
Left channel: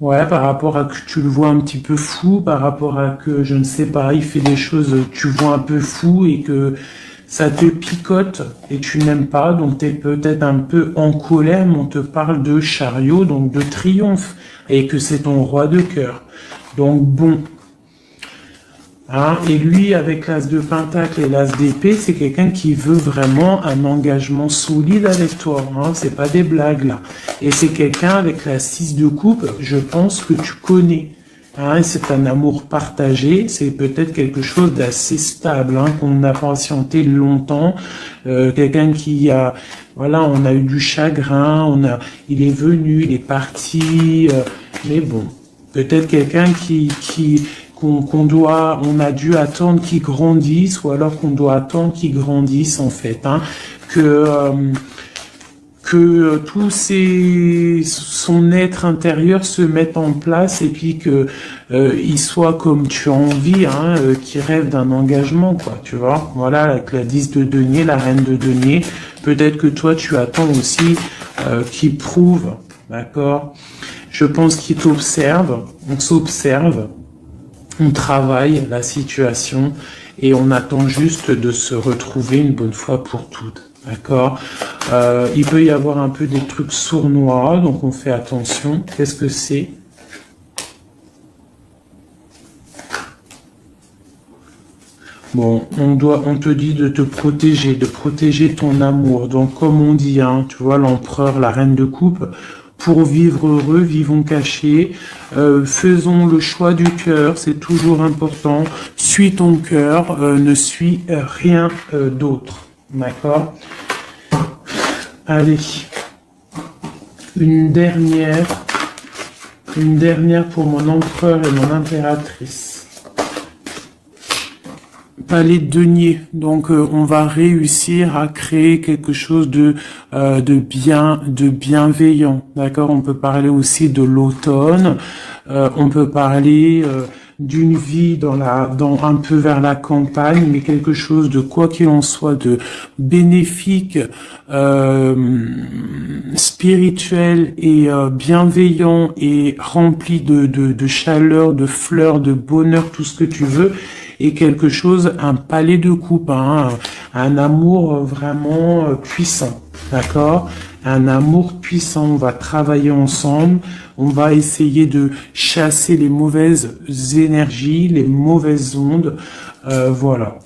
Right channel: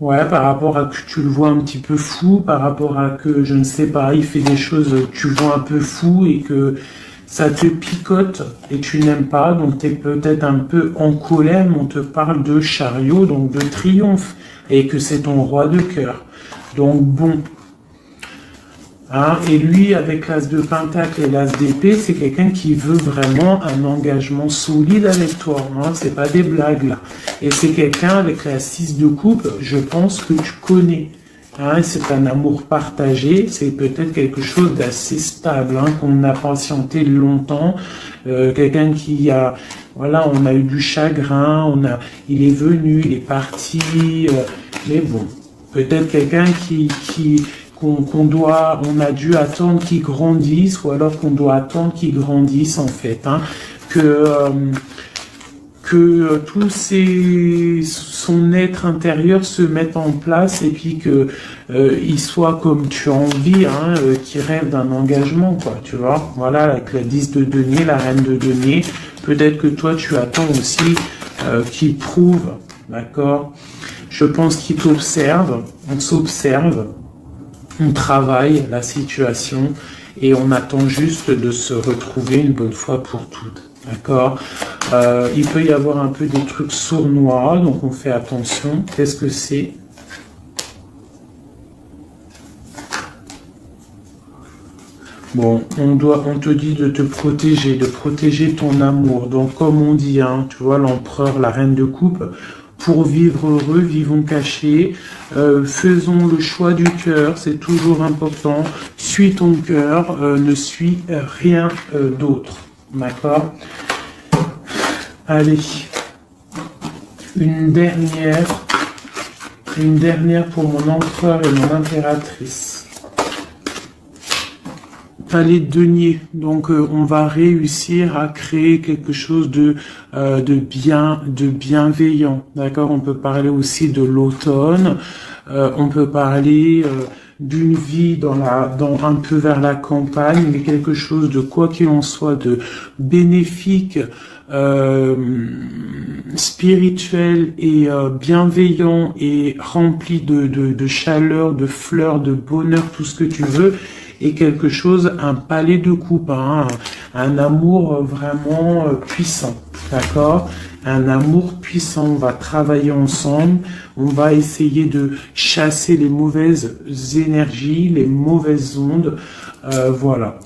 ouais, par rapport à que tu le vois un petit peu fou, par rapport à que, je ne sais pas, il fait des choses que tu vois un peu fou et que ça te picote et tu n'aimes pas, donc tu es peut-être un peu en colère, mais on te parle de chariot, donc de triomphe, et que c'est ton roi de cœur. Donc bon. Hein, et lui, avec l'as de pentacle et l'as d'épée, c'est quelqu'un qui veut vraiment un engagement solide avec toi. Hein, c'est pas des blagues là. Et c'est quelqu'un avec la 6 de coupe, je pense que tu connais. Hein, c'est un amour partagé, c'est peut-être quelque chose d'assez stable, hein, qu'on a patienté longtemps. Quelqu'un qui a, voilà, on a eu du chagrin, il est venu, il est parti, mais bon, peut-être quelqu'un on a dû attendre qu'il grandisse, ou alors qu'on doit attendre qu'il grandisse en fait, hein, que tout son être intérieur se mette en place et puis que il soit comme tu as envie, hein, qui rêve d'un engagement, quoi, tu vois. Voilà, avec la 10 de denier, la reine de denier, peut-être que toi tu attends aussi qu'il prouve, d'accord. Je pense qu'il t'observe, on s'observe. On travaille la situation et on attend juste de se retrouver une bonne fois pour toutes. D'accord. Il peut y avoir un peu des trucs sournois, donc on fait attention. Qu'est-ce que c'est? Bon, on te dit de te protéger, de protéger ton amour. Donc comme on dit, hein, tu vois, l'empereur, la reine de coupe, pour vivre heureux, vivons cachés, faisons le choix du cœur, c'est toujours important. Suis ton cœur, ne suis rien d'autre. D'accord? Allez, une dernière pour mon empereur et mon impératrice. Palais de denier. Donc on va réussir à créer quelque chose de bienveillant. D'accord? On peut parler aussi de l'automne. On peut parler d'une vie dans un peu vers la campagne, mais quelque chose de quoi qu'il en soit de bénéfique, spirituel et bienveillant et rempli de chaleur, de fleurs, de bonheur, tout ce que tu veux. Et quelque chose, un palais de coupe, hein, un amour vraiment puissant, d'accord? Un amour puissant, on va travailler ensemble, on va essayer de chasser les mauvaises énergies, les mauvaises ondes, voilà.